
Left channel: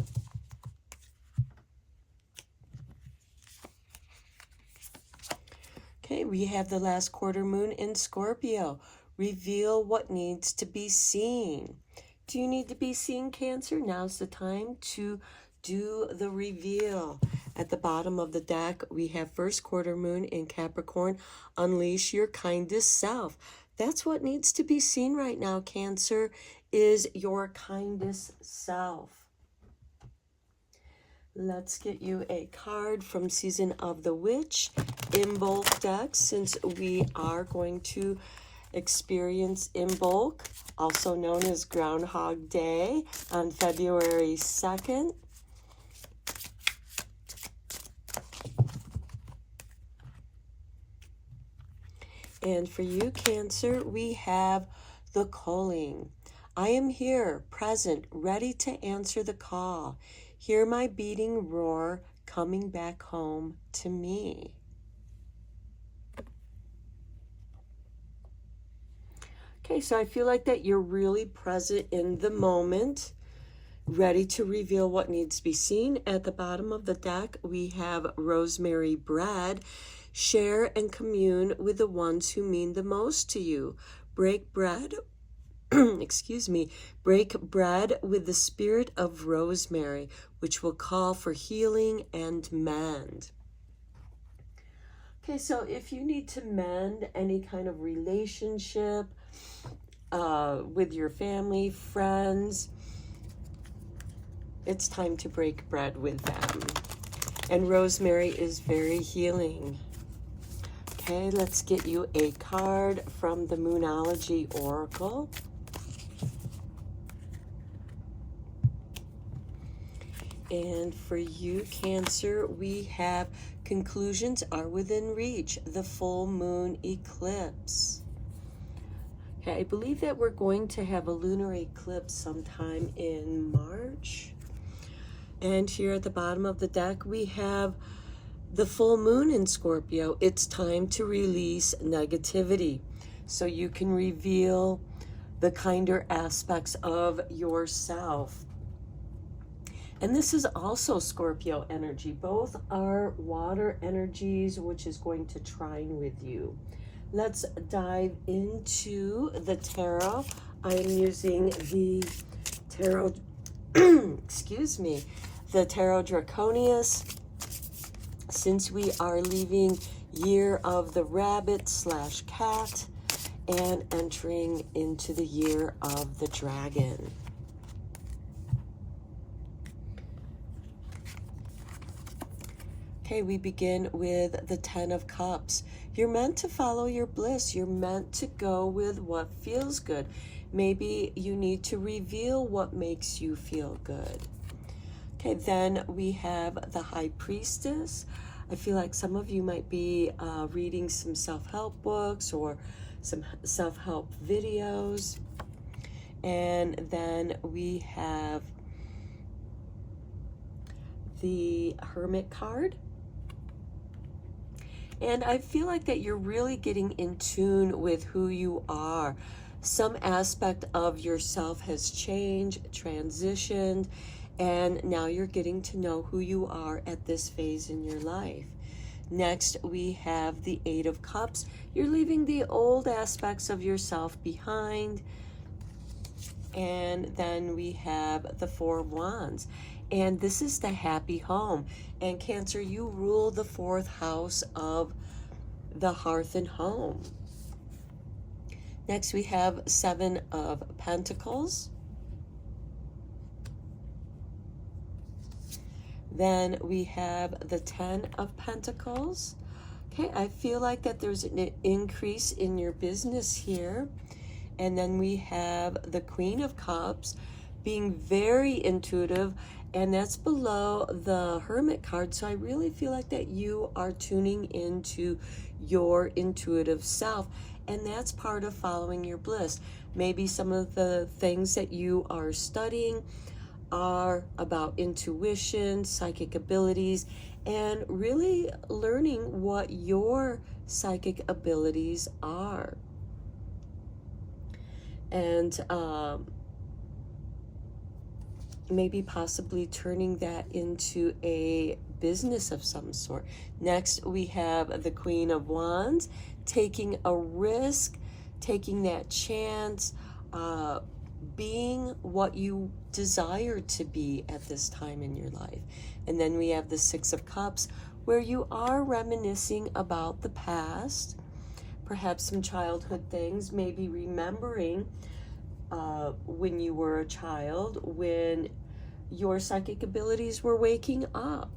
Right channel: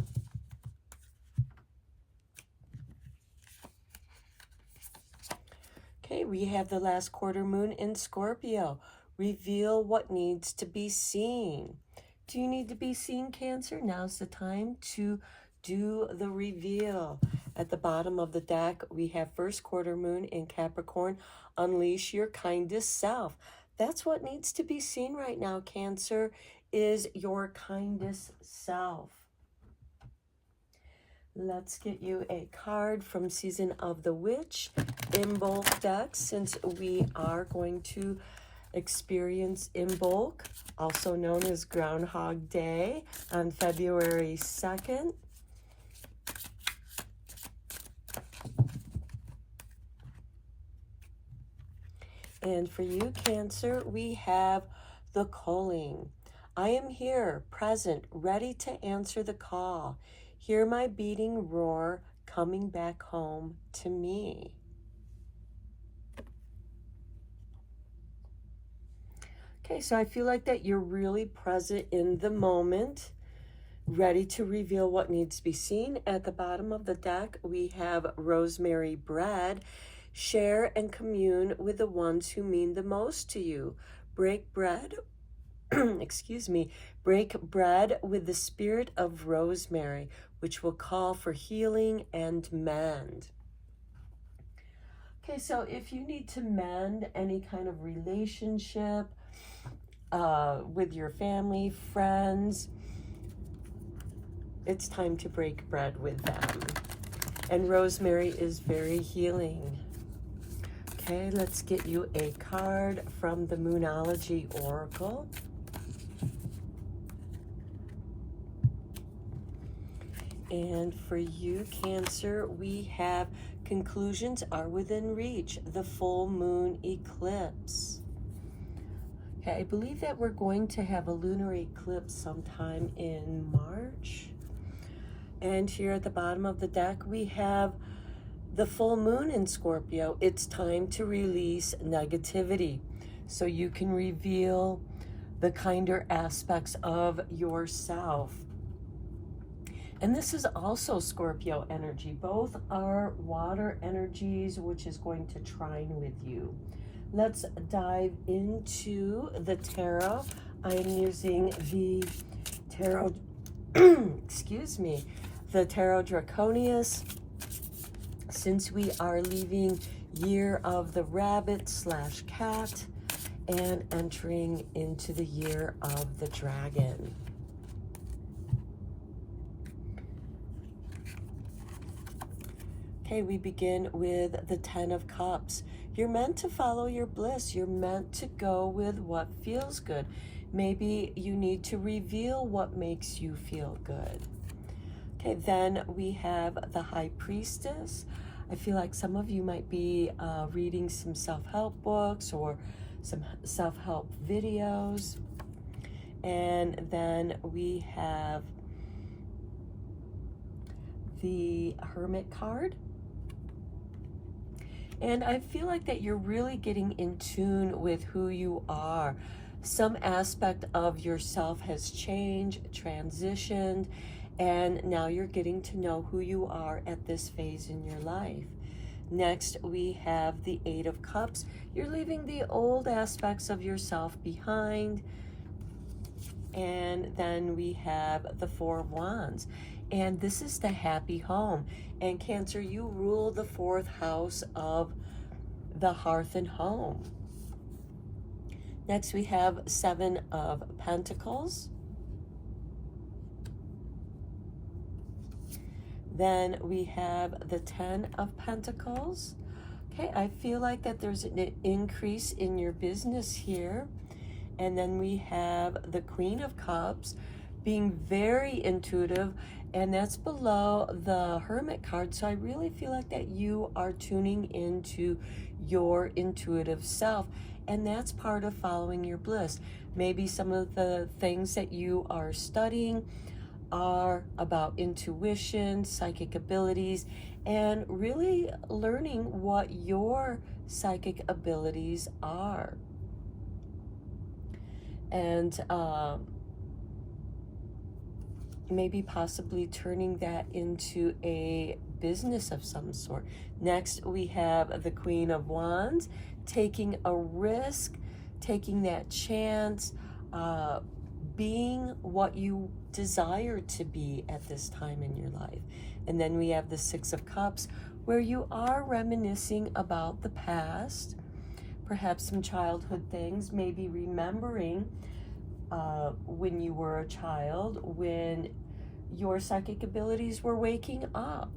Okay, we have the last quarter moon in Scorpio. Reveal what needs to be seen. Do you need to be seen, Cancer? Now's the time to do the reveal. At the bottom of the deck, we have first quarter moon in Capricorn. Unleash your kindest self. That's what needs to be seen right now, Cancer, is your kindest self. Let's get you a card from Season of the Witch in both decks, since we are going to experience Imbolc, also known as Groundhog Day, on February 2nd. And for you, Cancer, we have the calling. I am here, present, ready to answer the call. Hear my beating roar coming back home to me. Okay, so I feel like that you're really present in the moment, ready to reveal what needs to be seen. At the bottom of the deck, we have rosemary bread. Share and commune with the ones who mean the most to you. Break bread, excuse me, break bread with the spirit of rosemary, which will call for healing and mend. Okay, so if you need to mend any kind of relationship with your family, friends, it's time to break bread with them. And rosemary is very healing. Okay, let's get you a card from the Moonology Oracle. And for you, Cancer, we have conclusions are within reach, the full moon eclipse. Okay, I believe that we're going to have a lunar eclipse sometime in March. And here at the bottom of the deck, we have the full moon in Scorpio, it's time to release negativity so you can reveal the kinder aspects of yourself. And this is also Scorpio energy. Both are water energies, which is going to trine with you. Let's dive into the tarot. I am using the tarot, excuse me, the Tarot Draconius. Since we are leaving year of the rabbit / cat and entering into the year of the dragon. Okay, we begin with the 10 of Cups. You're meant to follow your bliss. You're meant to go with what feels good. Maybe you need to reveal what makes you feel good. Okay, then we have the High Priestess. I feel like some of you might be reading some self-help books or some self-help videos. And then we have the Hermit card. And I feel like that you're really getting in tune with who you are. Some aspect of yourself has changed, transitioned, and now you're getting to know who you are at this phase in your life. Next, we have the 8 of Cups. You're leaving the old aspects of yourself behind. And then we have the 4 of Wands. And this is the happy home. And Cancer, you rule the 4th house of the hearth and home. Next, we have 7 of Pentacles. Then we have the 10 of Pentacles. Okay, I feel like that there's an increase in your business here. And then we have the Queen of Cups, being very intuitive, and that's below the Hermit card. So I really feel like that you are tuning into your intuitive self, and that's part of following your bliss. Maybe some of the things that you are studying are about intuition, psychic abilities, and really learning what your psychic abilities are. And maybe possibly turning that into a business of some sort. Next, we have the Queen of Wands, taking a risk, taking that chance, being what you desire to be at this time in your life. And then we have the 6 of Cups, where you are reminiscing about the past, perhaps some childhood things, maybe remembering when you were a child, when your psychic abilities were waking up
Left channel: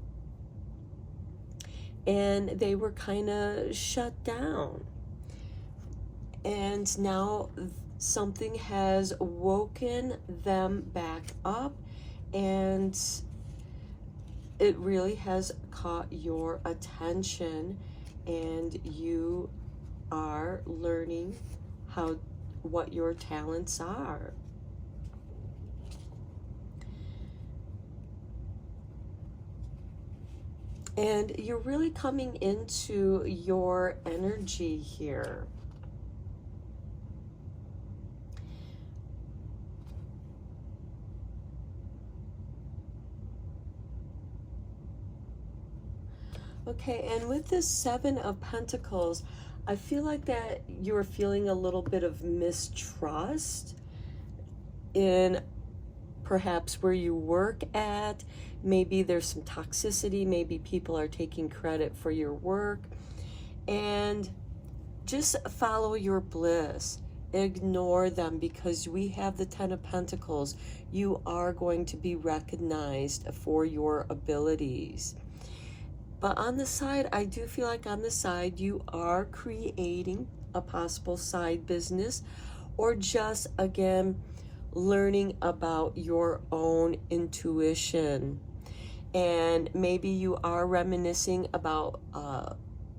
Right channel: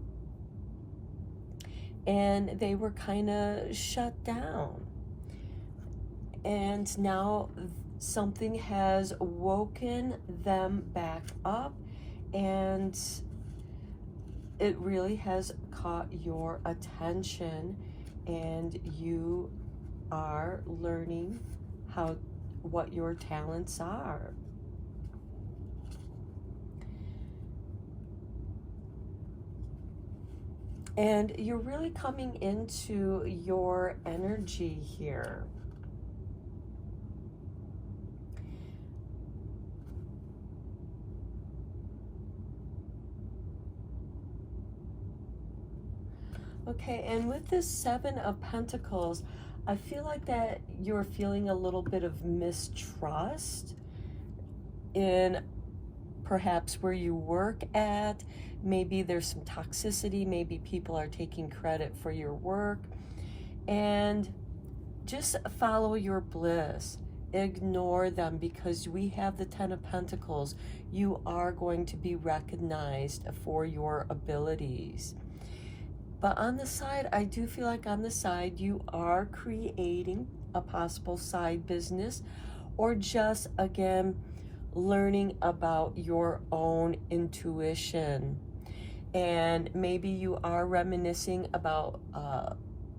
and they were kind of shut down. And now something has woken them back up, and it really has caught your attention, and you are learning what your talents are. And you're really coming into your energy here. Okay, and with this 7 of Pentacles, I feel like that you're feeling a little bit of mistrust in perhaps where you work at. Maybe there's some toxicity. Maybe people are taking credit for your work. And just follow your bliss. Ignore them, because we have the 10 of Pentacles. You are going to be recognized for your abilities. But on the side, I do feel like on the side, you are creating a possible side business, or just, again, learning about your own intuition. And maybe you are reminiscing about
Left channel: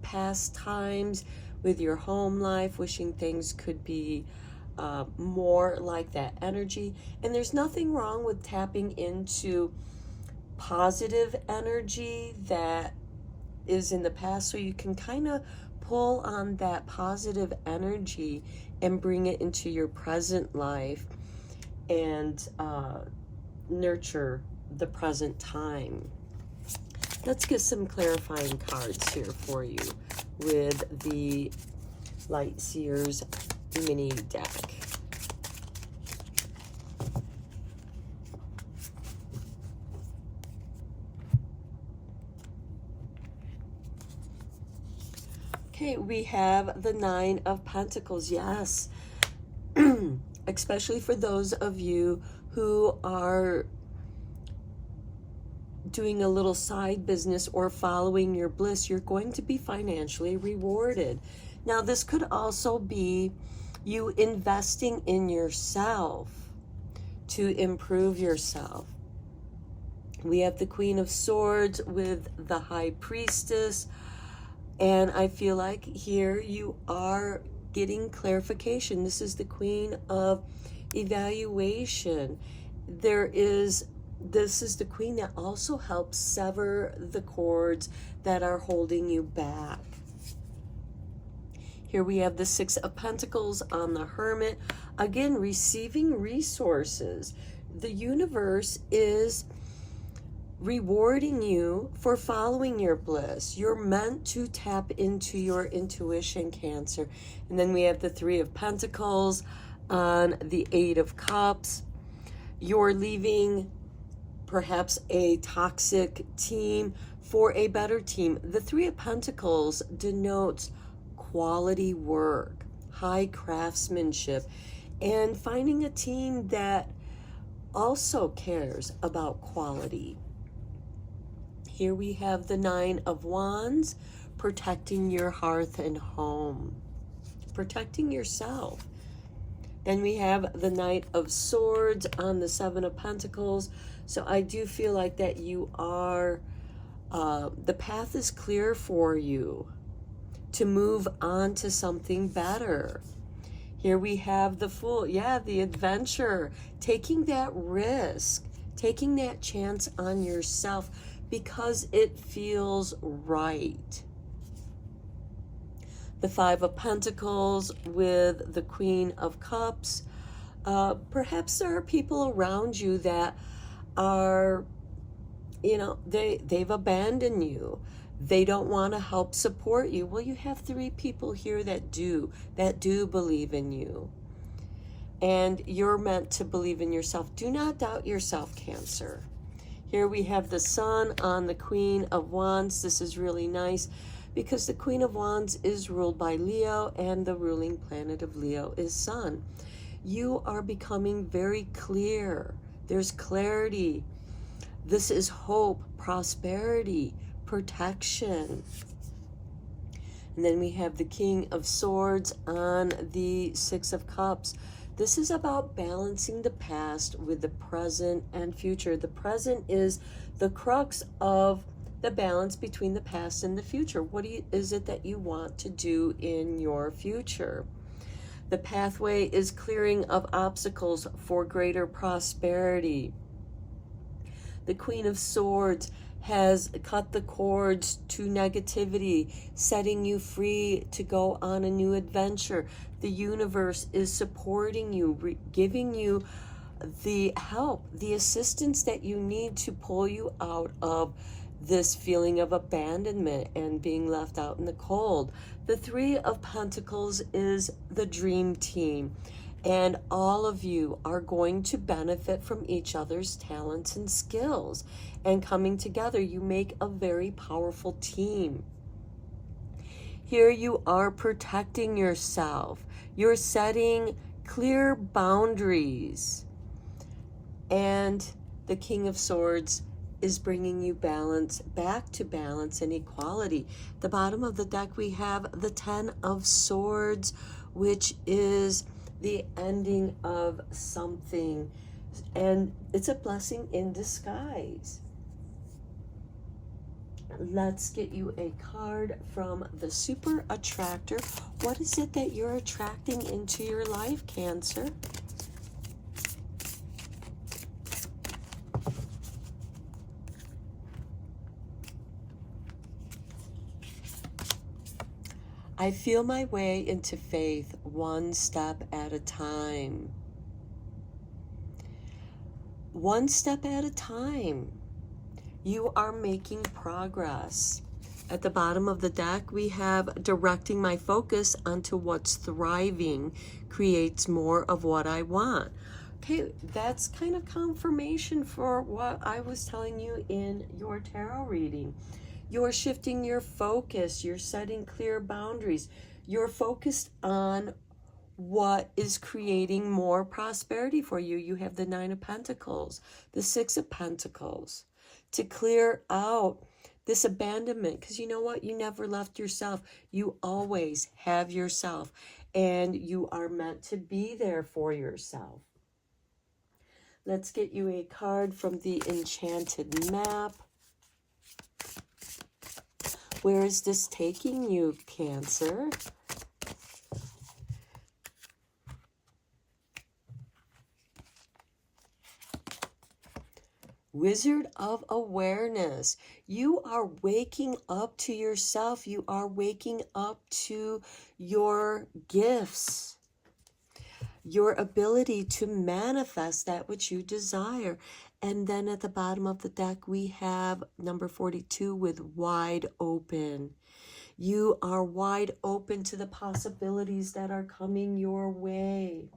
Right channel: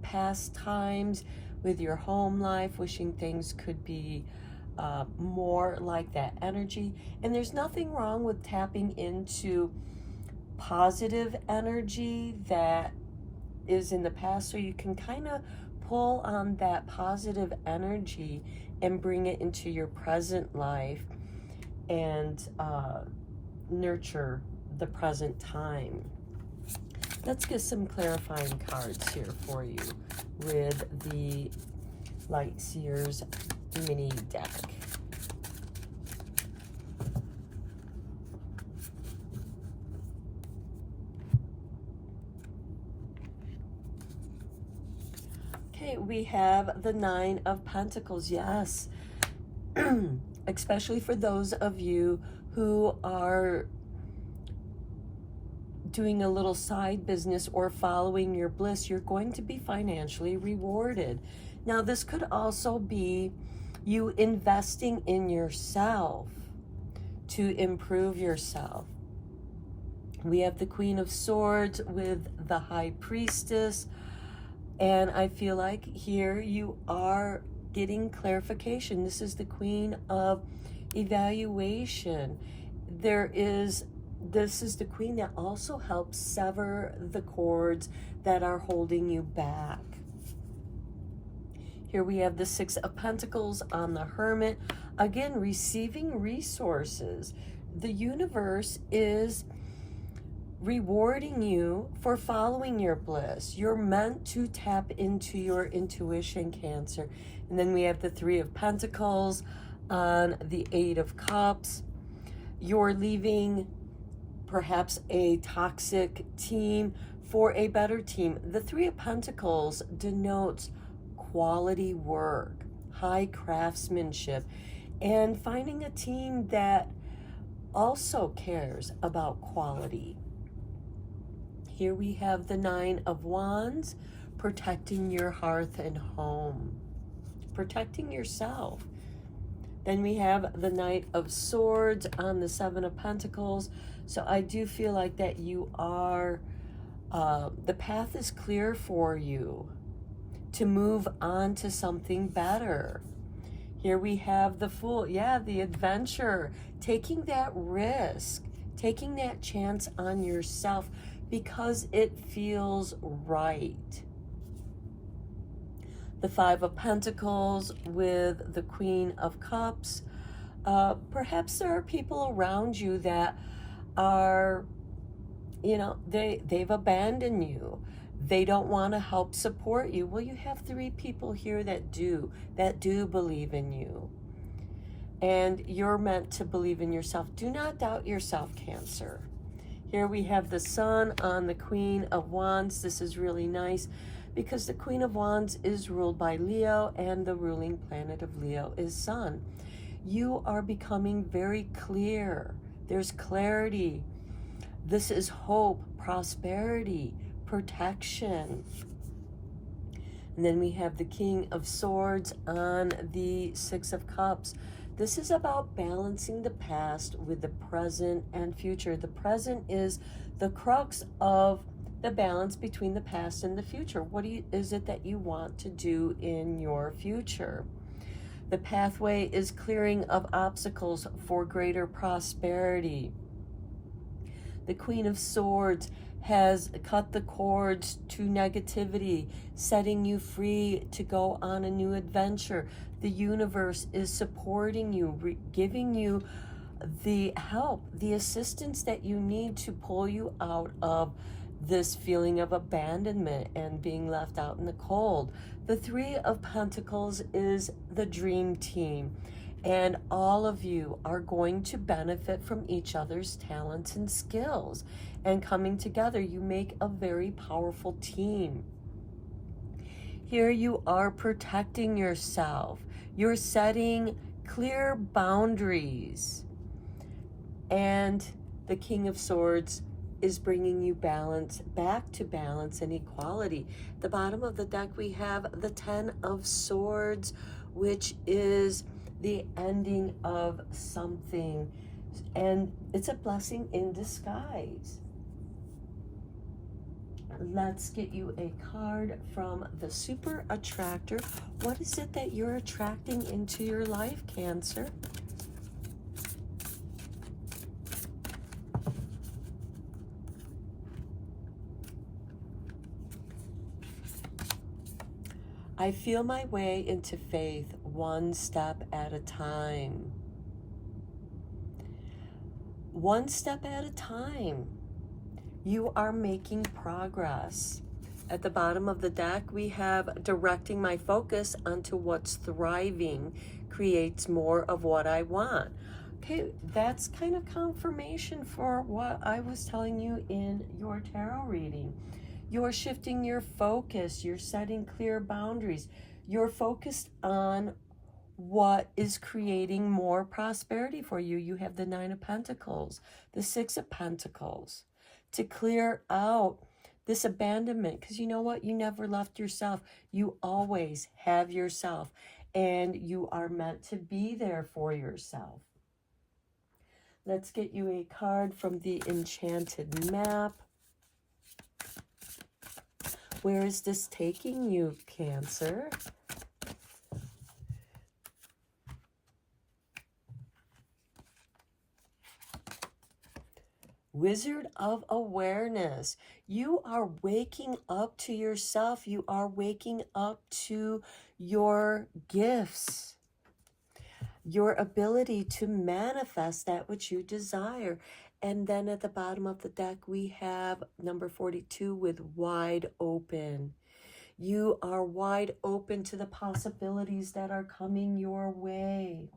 past times with your home life, wishing things could be more like that energy. And there's nothing wrong with tapping into positive energy that is in the past, so you can kind of pull on that positive energy and bring it into your present life and nurture the present time. Let's get some clarifying cards here for you with the Light Seers mini deck. Okay, we have the Nine of Pentacles. Yes, especially for those of you who are doing a little side business or following your bliss, you're going to be financially rewarded. Now, this could also be you investing in yourself to improve yourself. We have the Queen of Swords with the High Priestess. And I feel like here you are getting clarification. This is the Queen of Evaluation. This is the Queen that also helps sever the cords that are holding you back. Here we have the Six of Pentacles on the Hermit. Again, receiving resources. The universe is rewarding you for following your bliss. You're meant to tap into your intuition, Cancer. And then we have the Three of Pentacles on the Eight of Cups. You're leaving perhaps a toxic team for a better team. The Three of Pentacles denotes quality work, high craftsmanship, and finding a team that also cares about quality. Here we have the Nine of Wands, protecting your hearth and home, protecting yourself. Then we have the Knight of Swords on the Seven of Pentacles. So I do feel like that you are, the path is clear for you to move on to something better. Here we have the Fool. Yeah, the adventure, taking that risk, taking that chance on yourself, because it feels right. The Five of Pentacles with the Queen of Cups. Perhaps there are people around you that are, they've abandoned you. They don't want to help support you. Well, you have three people here that do believe in you. And you're meant to believe in yourself. Do not doubt yourself, Cancer. Here we have the Sun on the Queen of Wands. This is really nice because the Queen of Wands is ruled by Leo, and the ruling planet of Leo is Sun. You are becoming very clear. There's clarity. This is hope, prosperity, protection. And then we have the King of Swords on the Six of Cups. This is about balancing the past with the present and future. The present is the crux of the balance between the past and the future. What is it that you want to do in your future? The pathway is clearing of obstacles for greater prosperity. The Queen of Swords has cut the cords to negativity, setting you free to go on a new adventure. The universe is supporting you, giving you the help, the assistance that you need to pull you out of this feeling of abandonment and being left out in the cold. The Three of Pentacles is the dream team, and all of you are going to benefit from each other's talents and skills, and coming together, you make a very powerful team. Here you are protecting yourself. You're setting clear boundaries. And the King of Swords is bringing you balance, back to balance and equality. At the bottom of the deck, we have the Ten of Swords, which is the ending of something. And it's a blessing in disguise. Let's get you a card from the Super Attractor. What is it that you're attracting into your life, Cancer? I feel my way into faith one step at a time. One step at a time. You are making progress. At the bottom of the deck, we have directing my focus onto what's thriving creates more of what I want. Okay, that's kind of confirmation for what I was telling you in your tarot reading. You're shifting your focus. You're setting clear boundaries. You're focused on what is creating more prosperity for you. You have the Nine of Pentacles, the Six of Pentacles, to clear out this abandonment, because you know what? You never left yourself. You always have yourself, and you are meant to be there for yourself. Let's get you a card from the Enchanted Map. Where is this taking you, Cancer? Wizard of Awareness. You are waking up to yourself. You are waking up to your gifts, your ability to manifest that which you desire. And then at the bottom of the deck, we have number 42 with wide open. You are wide open to the possibilities that are coming your way.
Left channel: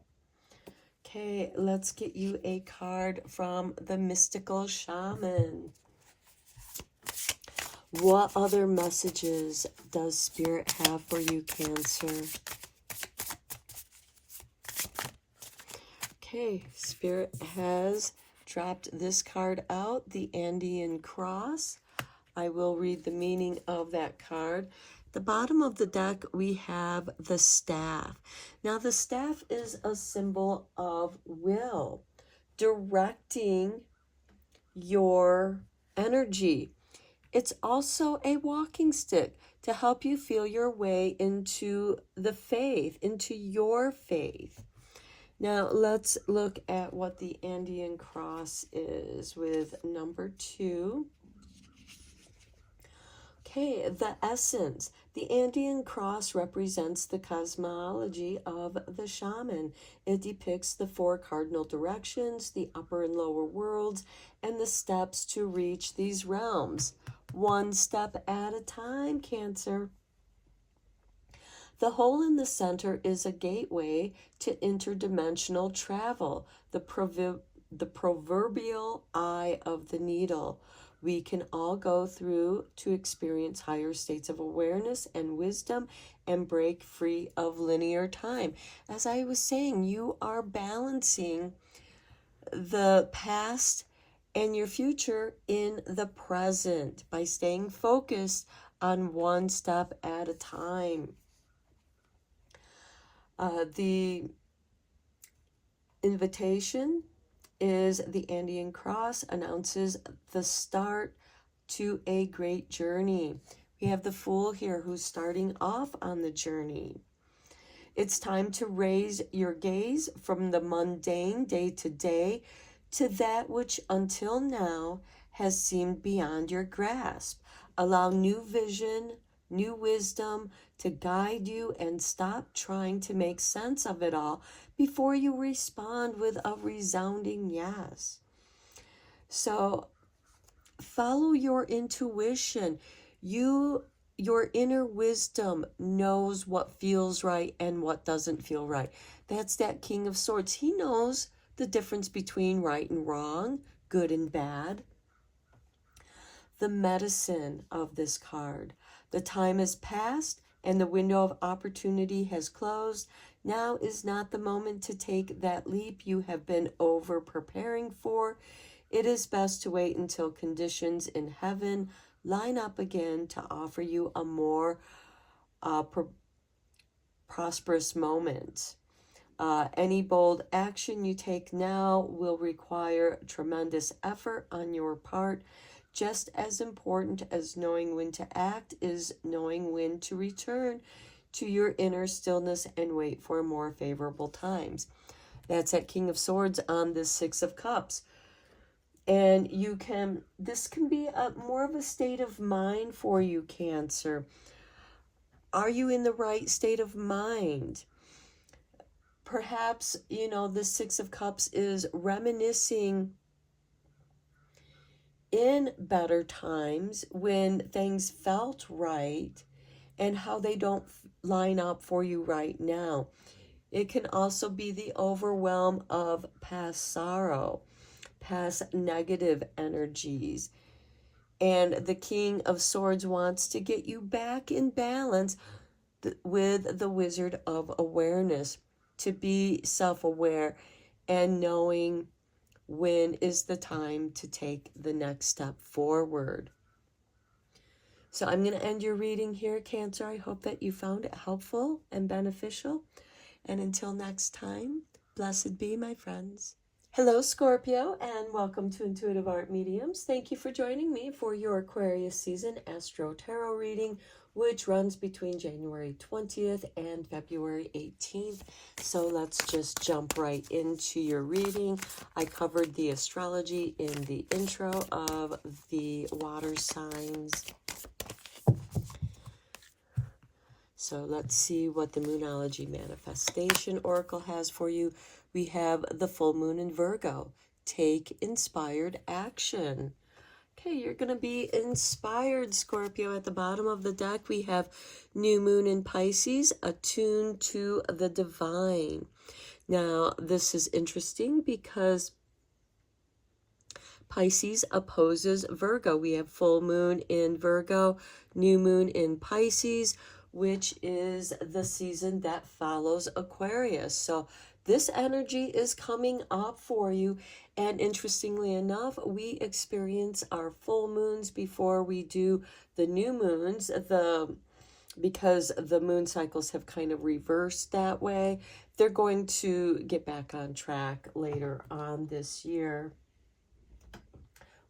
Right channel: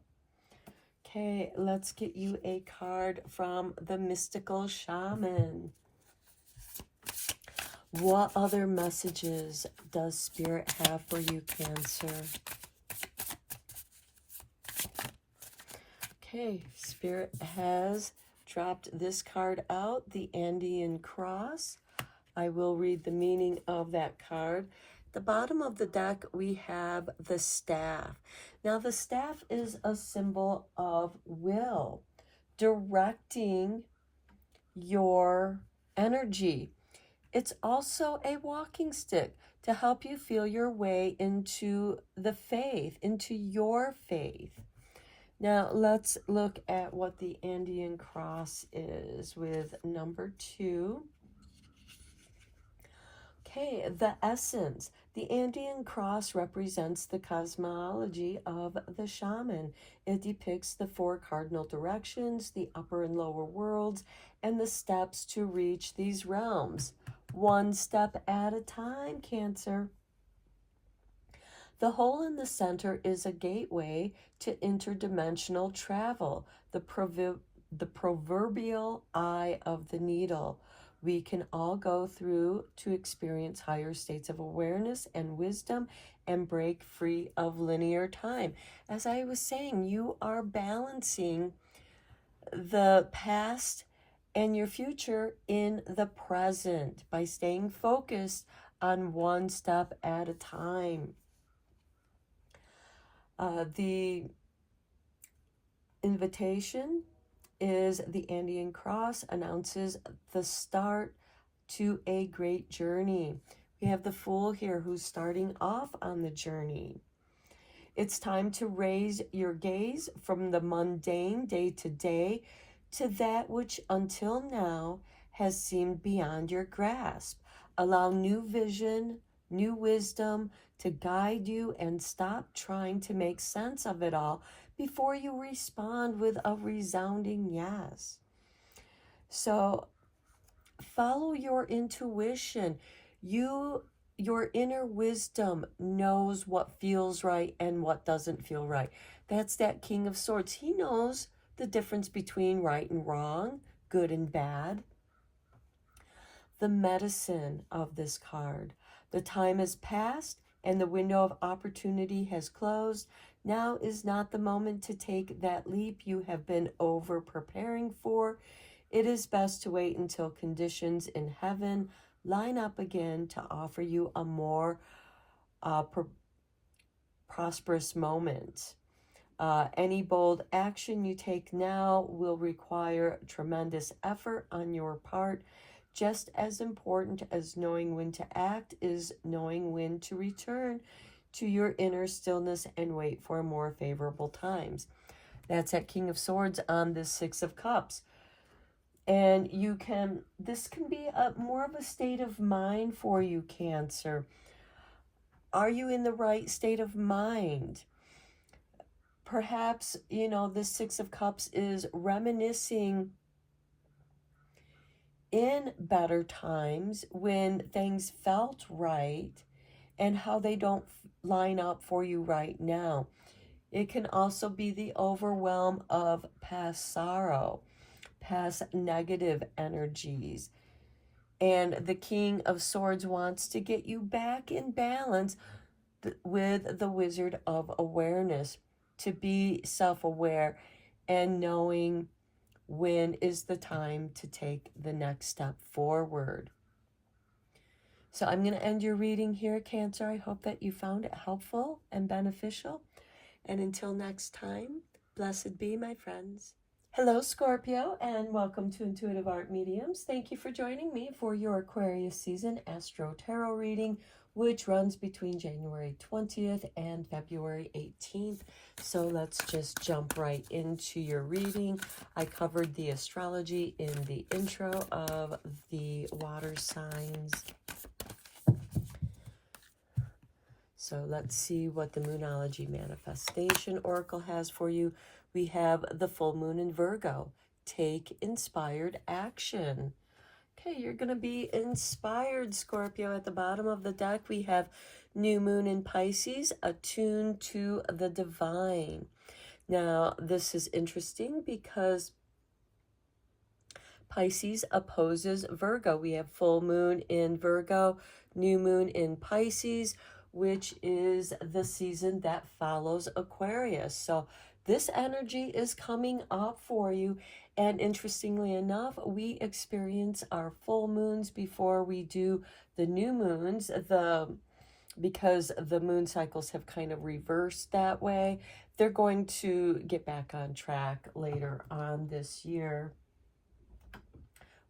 Okay, let's get you a card from the Mystical Shaman. What other messages does Spirit have for you, Cancer? Okay, Spirit has dropped this card out, the Andean Cross. I will read the meaning of that card. The bottom of the deck, we have the staff. Now, the staff is a symbol of will, directing your energy. It's also a walking stick to help you feel your way into the faith, into your faith. Now, let's look at what the Andean Cross is with number 2. Okay, the essence. The Andean Cross represents the cosmology of the shaman. It depicts the 4 cardinal directions, the upper and lower worlds, and the steps to reach these realms. One step at a time, Cancer. The hole in the center is a gateway to interdimensional travel, the proverbial eye of the needle. We can all go through to experience higher states of awareness and wisdom and break free of linear time. As I was saying, you are balancing the past and your future in the present by staying focused on one step at a time. The invitation is the Andean Cross announces the start to a great journey. We have the Fool here who's starting off on the journey. It's time to raise your gaze from the mundane day to day to that which until now has seemed beyond your grasp. Allow new vision, new wisdom to guide you, and stop trying to make sense of it all before you respond with a resounding yes. So follow your intuition. Your inner wisdom knows what feels right and what doesn't feel right. That's that King of Swords. He knows the difference between right and wrong, good and bad. The medicine of this card. The time has passed and the window of opportunity has closed. Now is not the moment to take that leap you have been over preparing for. It is best to wait until conditions in heaven line up again to offer you a more prosperous moment. Any bold action you take now will require tremendous effort on your part. Just as important as knowing when to act is knowing when to return to your inner stillness and wait for more favorable times. That's at King of Swords on the 6 of Cups. And this can be more of a state of mind for you, Cancer. Are you in the right state of mind? Perhaps, you know, the Six of Cups is reminiscing in better times when things felt right and how they don't line up for you right now. It can also be the overwhelm of past sorrow, past negative energies. And the King of Swords wants to get you back in balance with the Wizard of Awareness, to be self-aware and knowing when is the time to take the next step forward. So I'm going to end your reading here, Cancer. I hope that you found it helpful and beneficial. And until next time, blessed be, my friends. Hello, Scorpio, and welcome to Intuitive Art Mediums. Thank you for joining me for your Aquarius season Astro-Tarot reading, which runs between January 20th and February 18th. So let's just jump right into your reading. I covered the astrology in the intro of the water signs. So let's see what the Moonology Manifestation Oracle has for you. We have the full moon in Virgo. Take inspired action. Okay, you're going to be inspired, Scorpio. At the bottom of the deck, we have new moon in Pisces, attuned to the divine. Now, this is interesting because Pisces opposes Virgo. We have full moon in Virgo, new moon in Pisces, which is the season that follows Aquarius. So this energy is coming up for you. And interestingly enough, we experience our full moons before we do the new moons, because the moon cycles have kind of reversed that way. They're going to get back on track later on this year,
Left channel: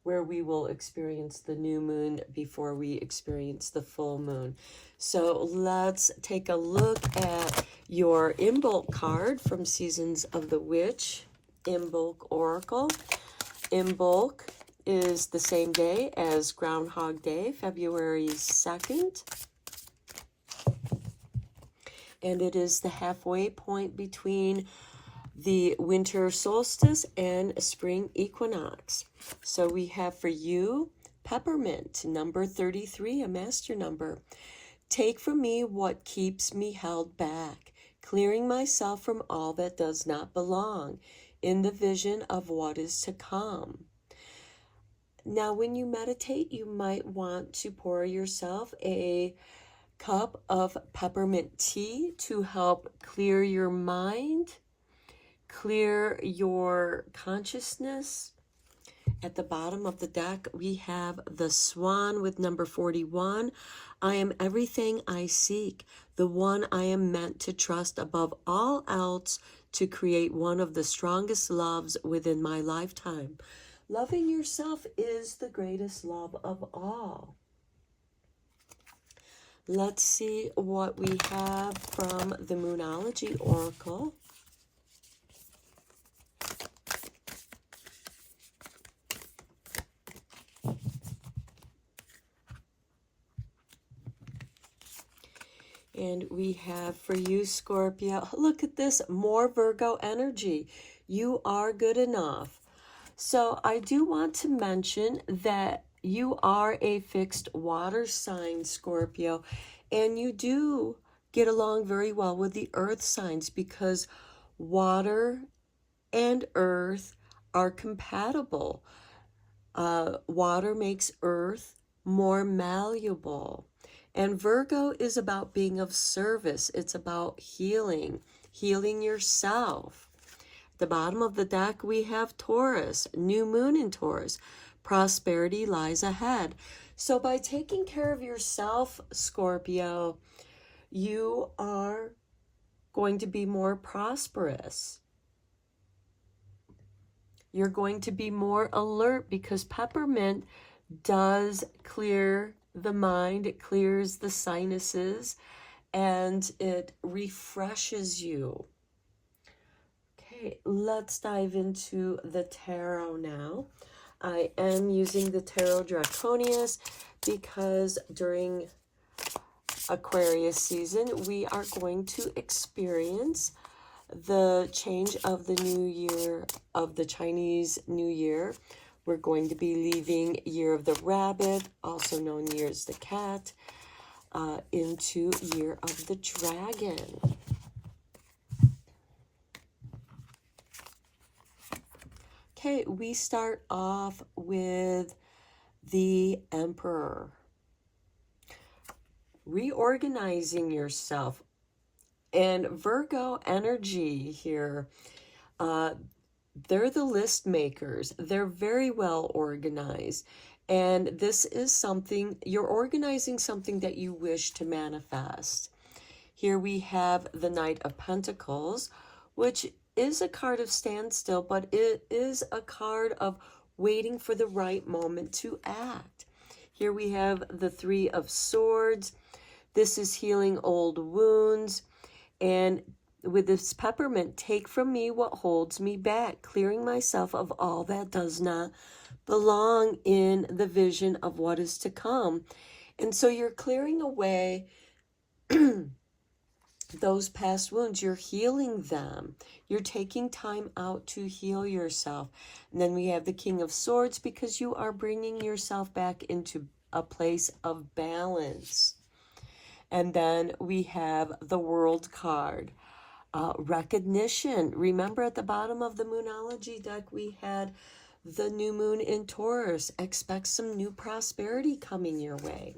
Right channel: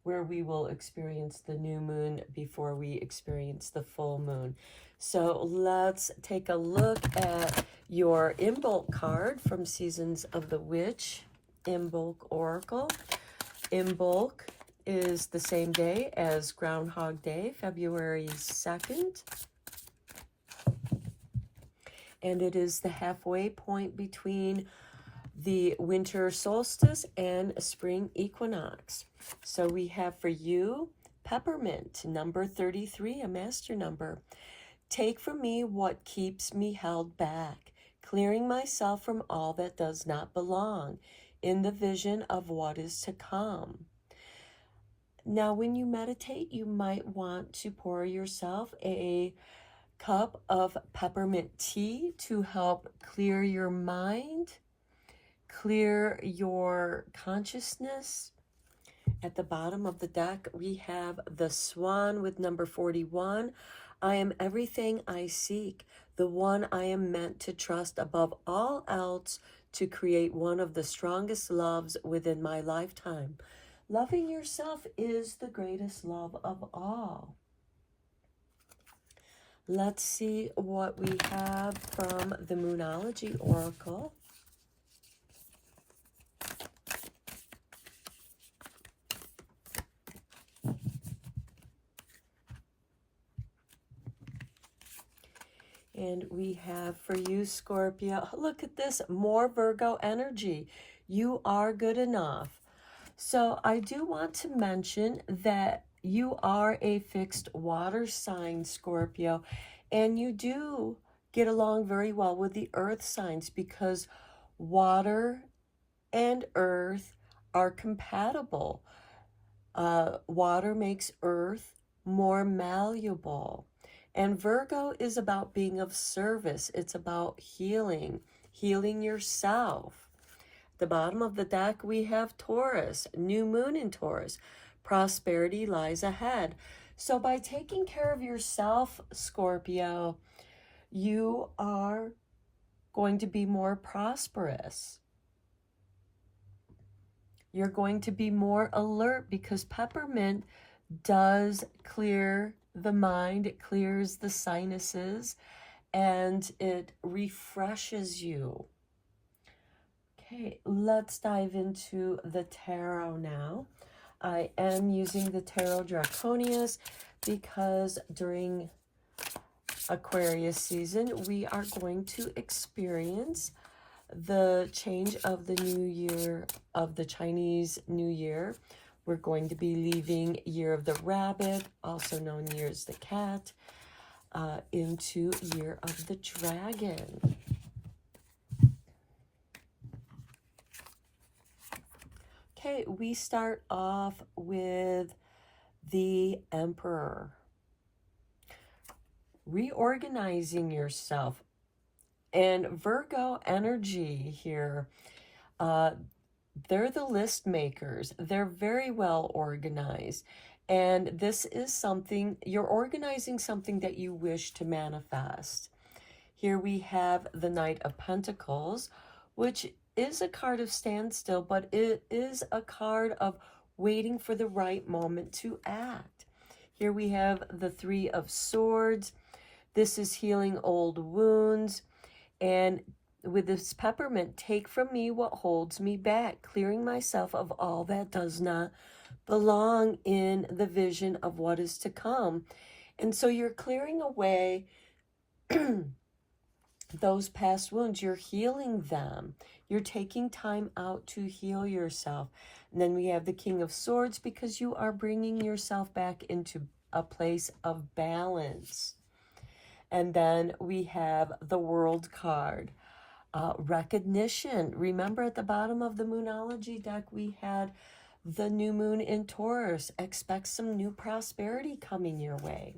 where we will experience the new moon before we experience the full moon. So let's take a look at your Imbolc card from Seasons of the Witch, Imbolc Oracle. Imbolc is the same day as Groundhog Day, February 2nd. And it is the halfway point between the winter solstice and spring equinox. So we have for you Peppermint, number 33, a master number. Take from me what keeps me held back, clearing myself from all that does not belong, in the vision of what is to come. Now, when you meditate, you might want to pour yourself a cup of peppermint tea to help clear your mind, clear your consciousness. At the bottom of the deck, we have the Swan with number 41. I am everything I seek, the one I am meant to trust above all else to create one of the strongest loves within my lifetime. Loving yourself is the greatest love of all. Let's see what we have from the Moonology Oracle. And we have for you, Scorpio, look at this, more Virgo energy. You are good enough. So I do want to mention that you are a fixed water sign, Scorpio, and you do get along very well with the earth signs because water and earth are compatible. Water makes earth more malleable. And Virgo is about being of service. It's about healing yourself. At the bottom of the deck, we have Taurus, new moon in Taurus. Prosperity lies ahead. So by taking care of yourself, Scorpio, you are going to be more prosperous. You're going to be more alert because peppermint does clear the mind, it clears the sinuses, and it refreshes you. Okay, let's dive into the tarot now. I am using the Tarot Draconius because during Aquarius season, we are going to experience the change of the new year, of the Chinese New Year. We're going to be leaving Year of the Rabbit, also known Year as the Cat, into Year of the Dragon. Okay, we start off with the Emperor. Reorganizing yourself. And Virgo energy here, they're the list makers. They're very well organized. And this is something, you're organizing something that you wish to manifest. Here we have the Knight of Pentacles, which is a card of standstill, but it is a card of waiting for the right moment to act. Here we have the Three of Swords. This is healing old wounds. And with this peppermint, take from me what holds me back, clearing myself of all that does not belong in the vision of what is to come. And so you're clearing away those past wounds. You're healing them. You're taking time out to heal yourself. And then we have the King of Swords, because you are bringing yourself back into a place of balance. And then we have the World card, recognition. Remember, at the bottom of the Moonology deck, we had the new moon in Taurus. Expect some new prosperity coming your way.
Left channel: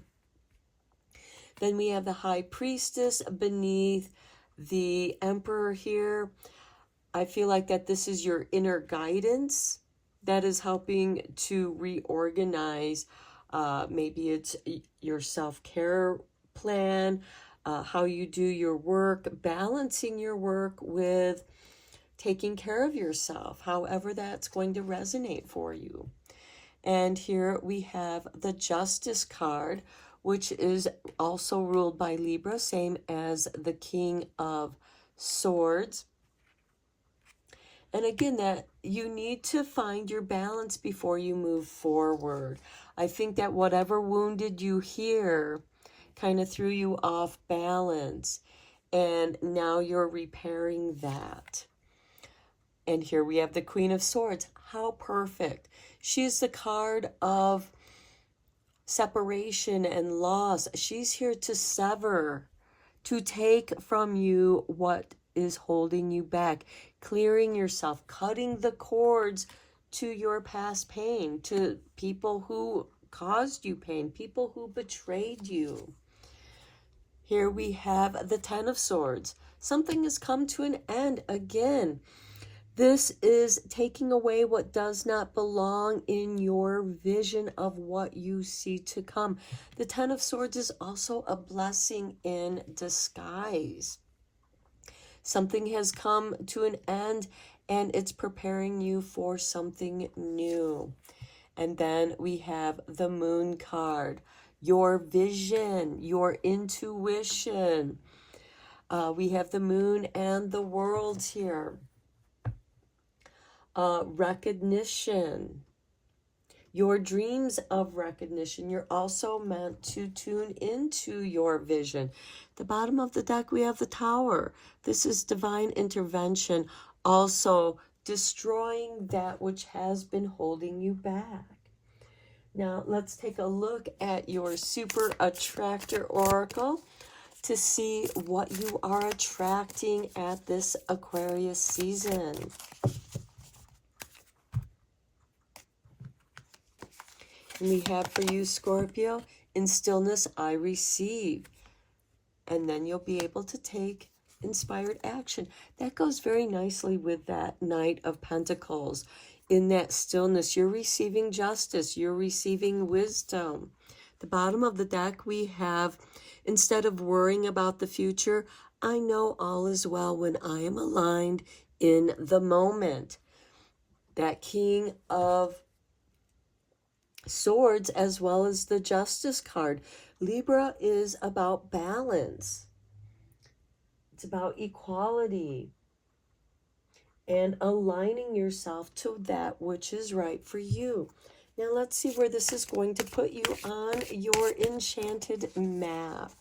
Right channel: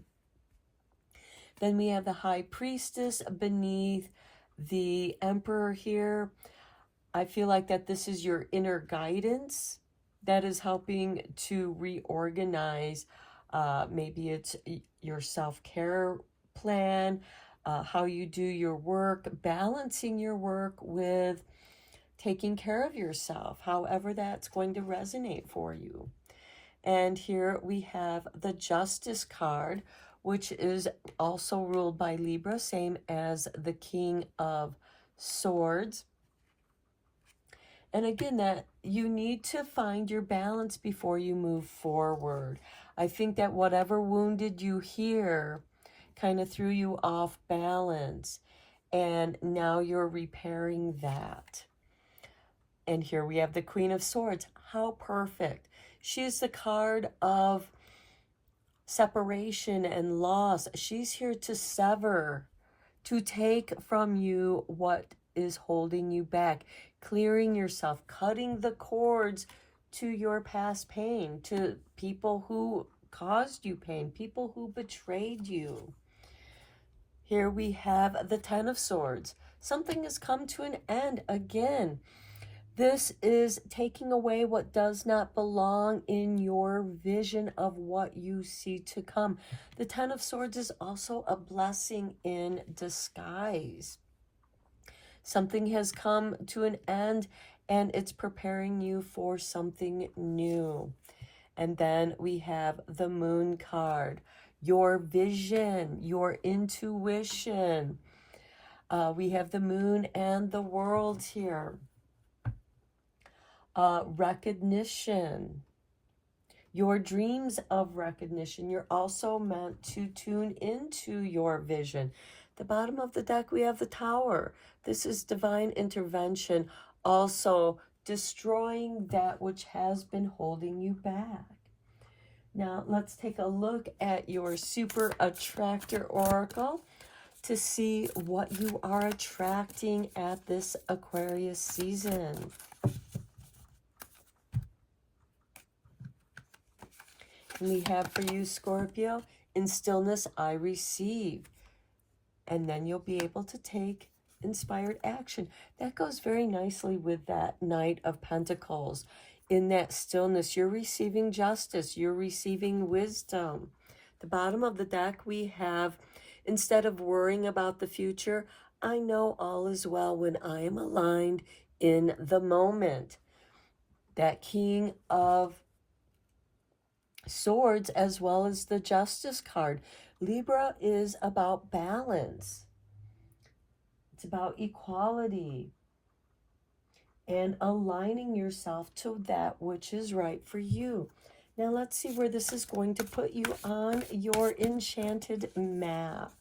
Then we have the High Priestess beneath the Emperor here. I feel like that this is your inner guidance that is helping to reorganize. Maybe it's your self-care plan, how you do your work, balancing your work with taking care of yourself, however that's going to resonate for you. And here we have the Justice card, which is also ruled by Libra, same as the King of Swords. And again, that you need to find your balance before you move forward. I think that whatever wounded you here kind of threw you off balance, and now you're repairing that. And here we have the Queen of Swords. How perfect. She's the card of separation and loss. She's here to sever, to take from you what is holding you back, clearing yourself, cutting the cords to your past pain, to people who caused you pain, people who betrayed you. Here we have the Ten of Swords. Something has come to an end again. This is taking away what does not belong in your vision of what you see to come. The Ten of Swords is also a blessing in disguise. Something has come to an end, and it's preparing you for something new. And then we have the Moon card. Your vision, your intuition. We have the Moon and the Worlds here. Recognition. Your dreams of recognition. You're also meant to tune into your vision. The bottom of the deck, we have the Tower. This is divine intervention, also destroying that which has been holding you back. Now, let's take a look at your Super Attractor Oracle to see what you are attracting at this Aquarius season. And we have for you, Scorpio, in stillness I receive. And then you'll be able to take inspired action. That goes very nicely with that Knight of Pentacles. In that stillness, you're receiving justice, you're receiving wisdom. The bottom of the deck, we have, instead of worrying about the future, I know all is well when I am aligned in the moment. That King of Swords, as well as the Justice card. Libra is about balance. It's about equality and aligning yourself to that which is right for you. Now let's see where this is going to put you on your enchanted map.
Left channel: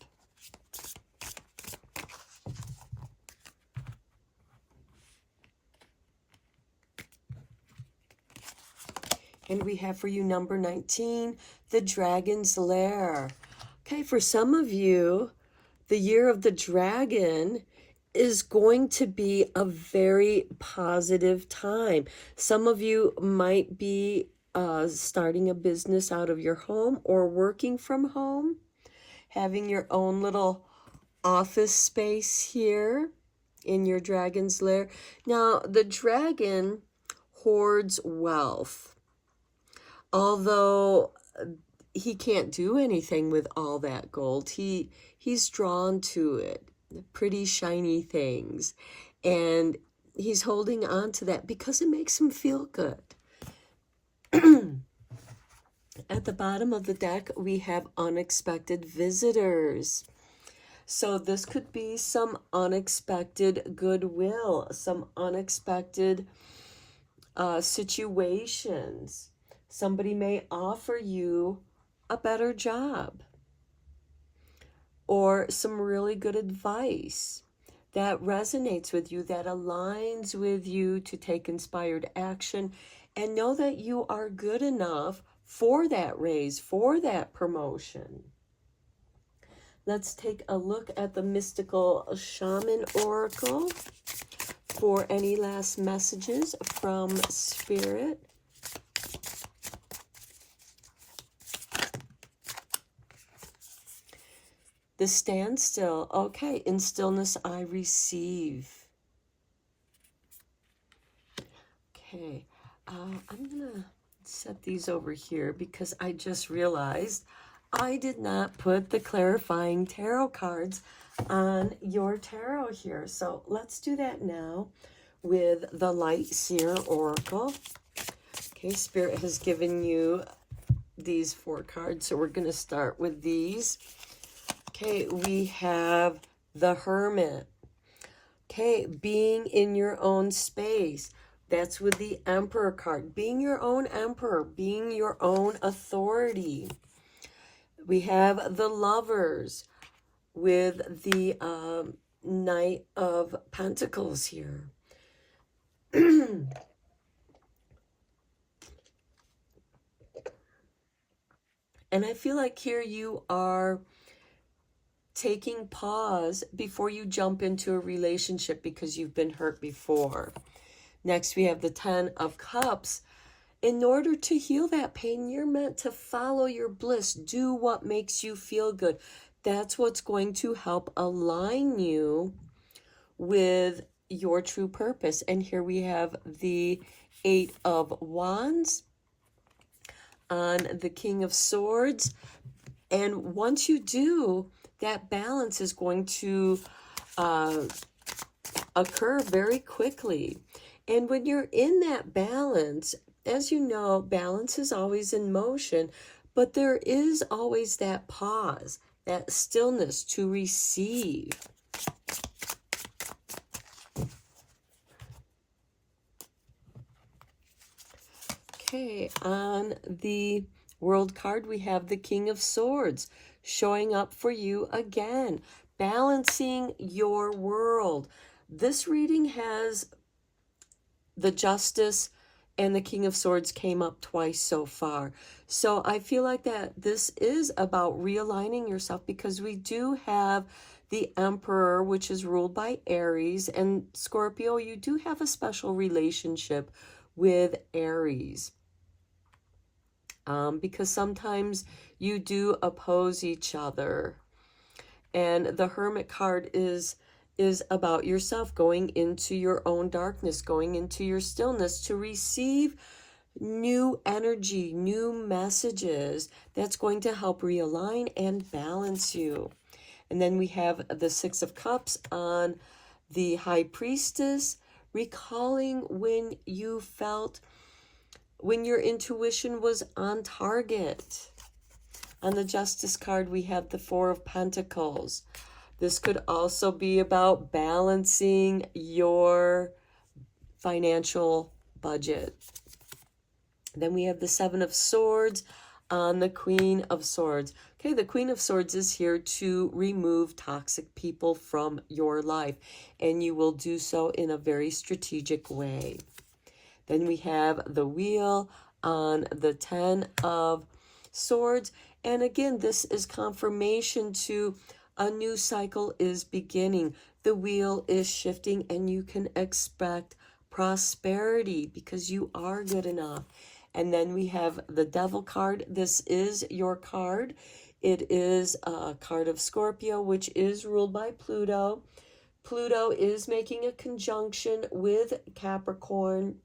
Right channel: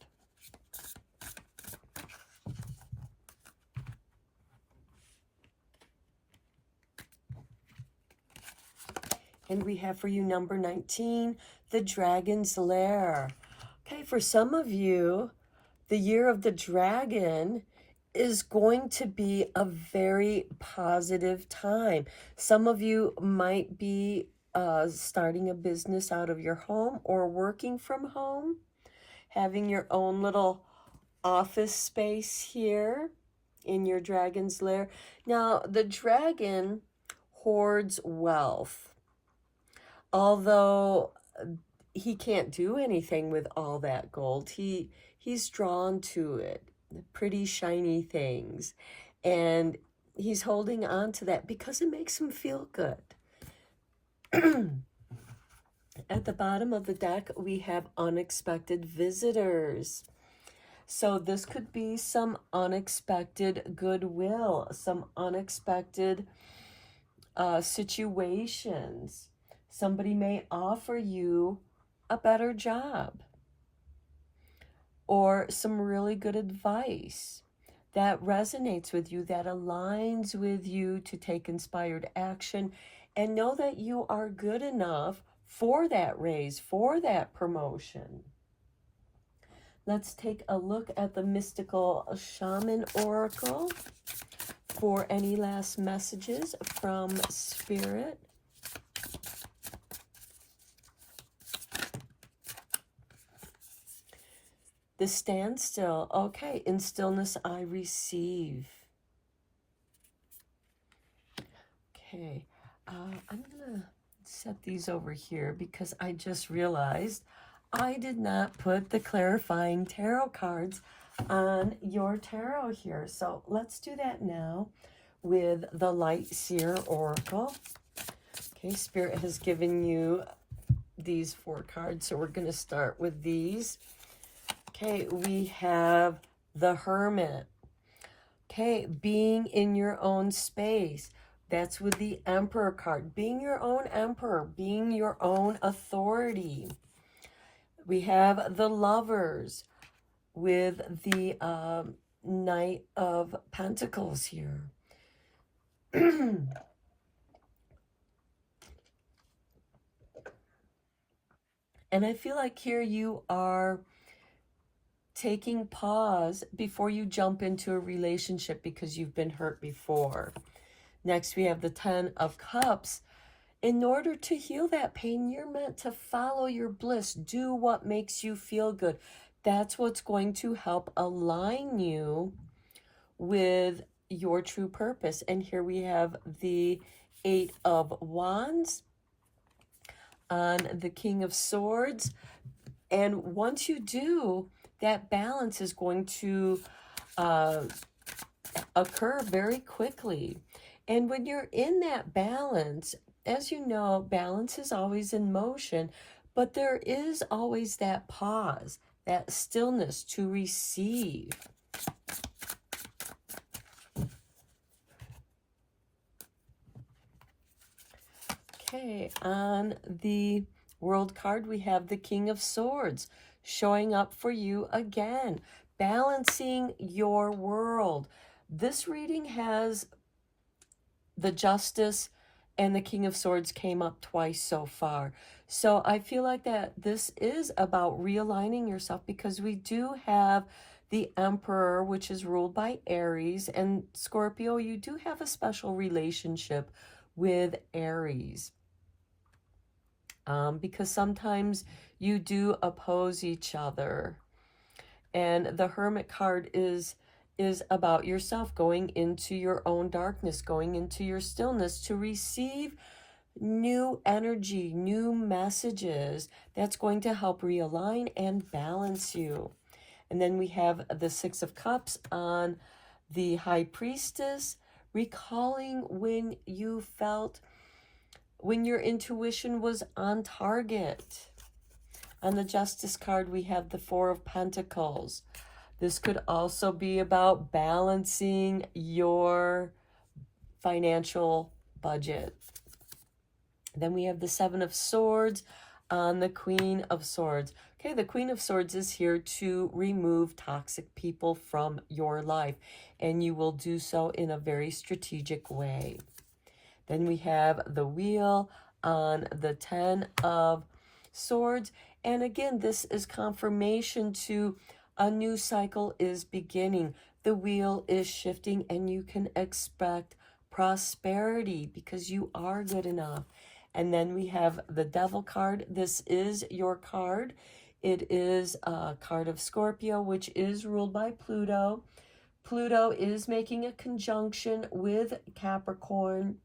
And we have for you number 19, the Dragon's Lair. Okay, for some of you, the year of the dragon is going to be a very positive time. Some of you might be starting a business out of your home or working from home, having your own little office space here in your dragon's lair. Now, the dragon hoards wealth, although he can't do anything with all that gold. He's drawn to it, pretty shiny things, and he's holding on to that because it makes him feel good. At the bottom of the deck, we have unexpected visitors. So this could be some unexpected goodwill, some unexpected situations. Somebody may offer you a better job or some really good advice that resonates with you, that aligns with you to take inspired action, and know that you are good enough for that raise, for that promotion. Let's take a look at the Mystical Shaman Oracle for any last messages from Spirit. The standstill. Okay, in stillness I receive. Okay, I'm gonna set these over here because I just realized I did not put the clarifying tarot cards on your tarot here. So let's do that now with the Light Seer Oracle. Okay, Spirit has given you these 4 cards, so we're going to start with these. Okay, we have the Hermit. Okay, being in your own space. That's with the Emperor card. Being your own emperor, being your own authority. We have the Lovers with the Knight of Pentacles here. And I feel like here you are taking pause before you jump into a relationship because you've been hurt before. Next, we have the 10 of Cups. In order to heal that pain, you're meant to follow your bliss. Do what makes you feel good. That's what's going to help align you with your true purpose. And here we have the 8 of Wands on the King of Swords. And once you do, that balance is going to occur very quickly. And when you're in that balance, as you know, balance is always in motion, but there is always that pause, that stillness to receive. Okay, on the World card, we have the King of Swords showing up for you again, balancing your world. This reading has the Justice and the King of Swords came up twice so far. So I feel like that this is about realigning yourself because we do have the Emperor, which is ruled by Aries, and Scorpio, you do have a special relationship with Aries. Because sometimes you do oppose each other. And the Hermit card is about yourself, going into your own darkness, going into your stillness to receive new energy, new messages that's going to help realign and balance you. And then we have the 6 of Cups on the High Priestess, recalling when you felt, when your intuition was on target. On the Justice card, we have the 4 of Pentacles. This could also be about balancing your financial budget. Then we have the 7 of Swords on the Queen of Swords. Okay, the Queen of Swords is here to remove toxic people from your life, and you will do so in a very strategic way. Then we have the Wheel on the 10 of Swords. And again, this is confirmation to a new cycle is beginning. The wheel is shifting and you can expect prosperity because you are good enough. And then we have the Devil card. This is your card. It is a card of Scorpio, which is ruled by Pluto. Pluto is making a conjunction with Capricorn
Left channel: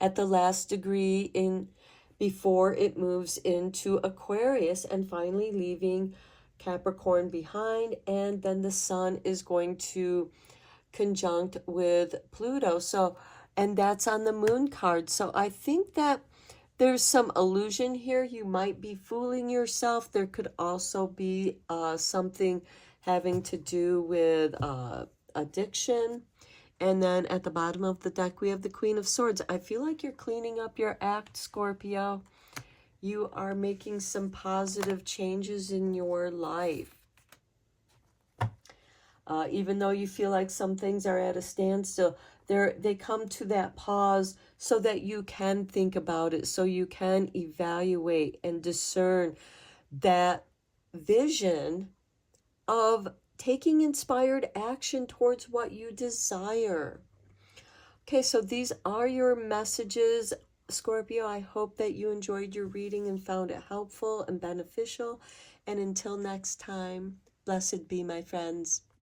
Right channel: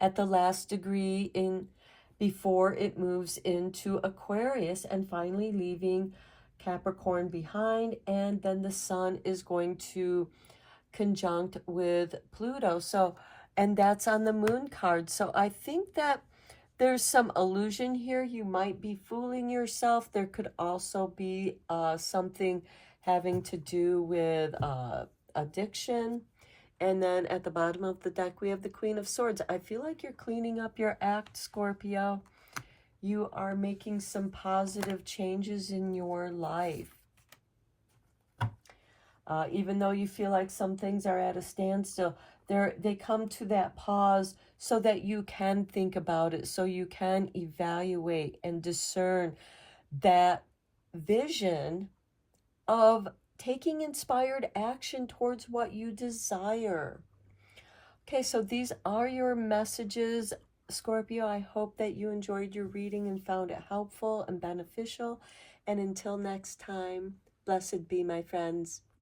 at the last degree before it moves into Aquarius and finally leaving Capricorn behind. And then the Sun is going to conjunct with Pluto. So, and that's on the Moon card. So I think that there's some illusion here. You might be fooling yourself. There could also be something having to do with addiction. And then at the bottom of the deck, we have the Queen of Swords. I feel like you're cleaning up your act, Scorpio. You are making some positive changes in your life. Even though you feel like some things are at a standstill, they come to that pause so that you can think about it, so you can evaluate and discern that vision of taking inspired action towards what you desire. Okay, so these are your messages, Scorpio. I hope that you enjoyed your reading and found it helpful and beneficial. And until next time, blessed be, my friends.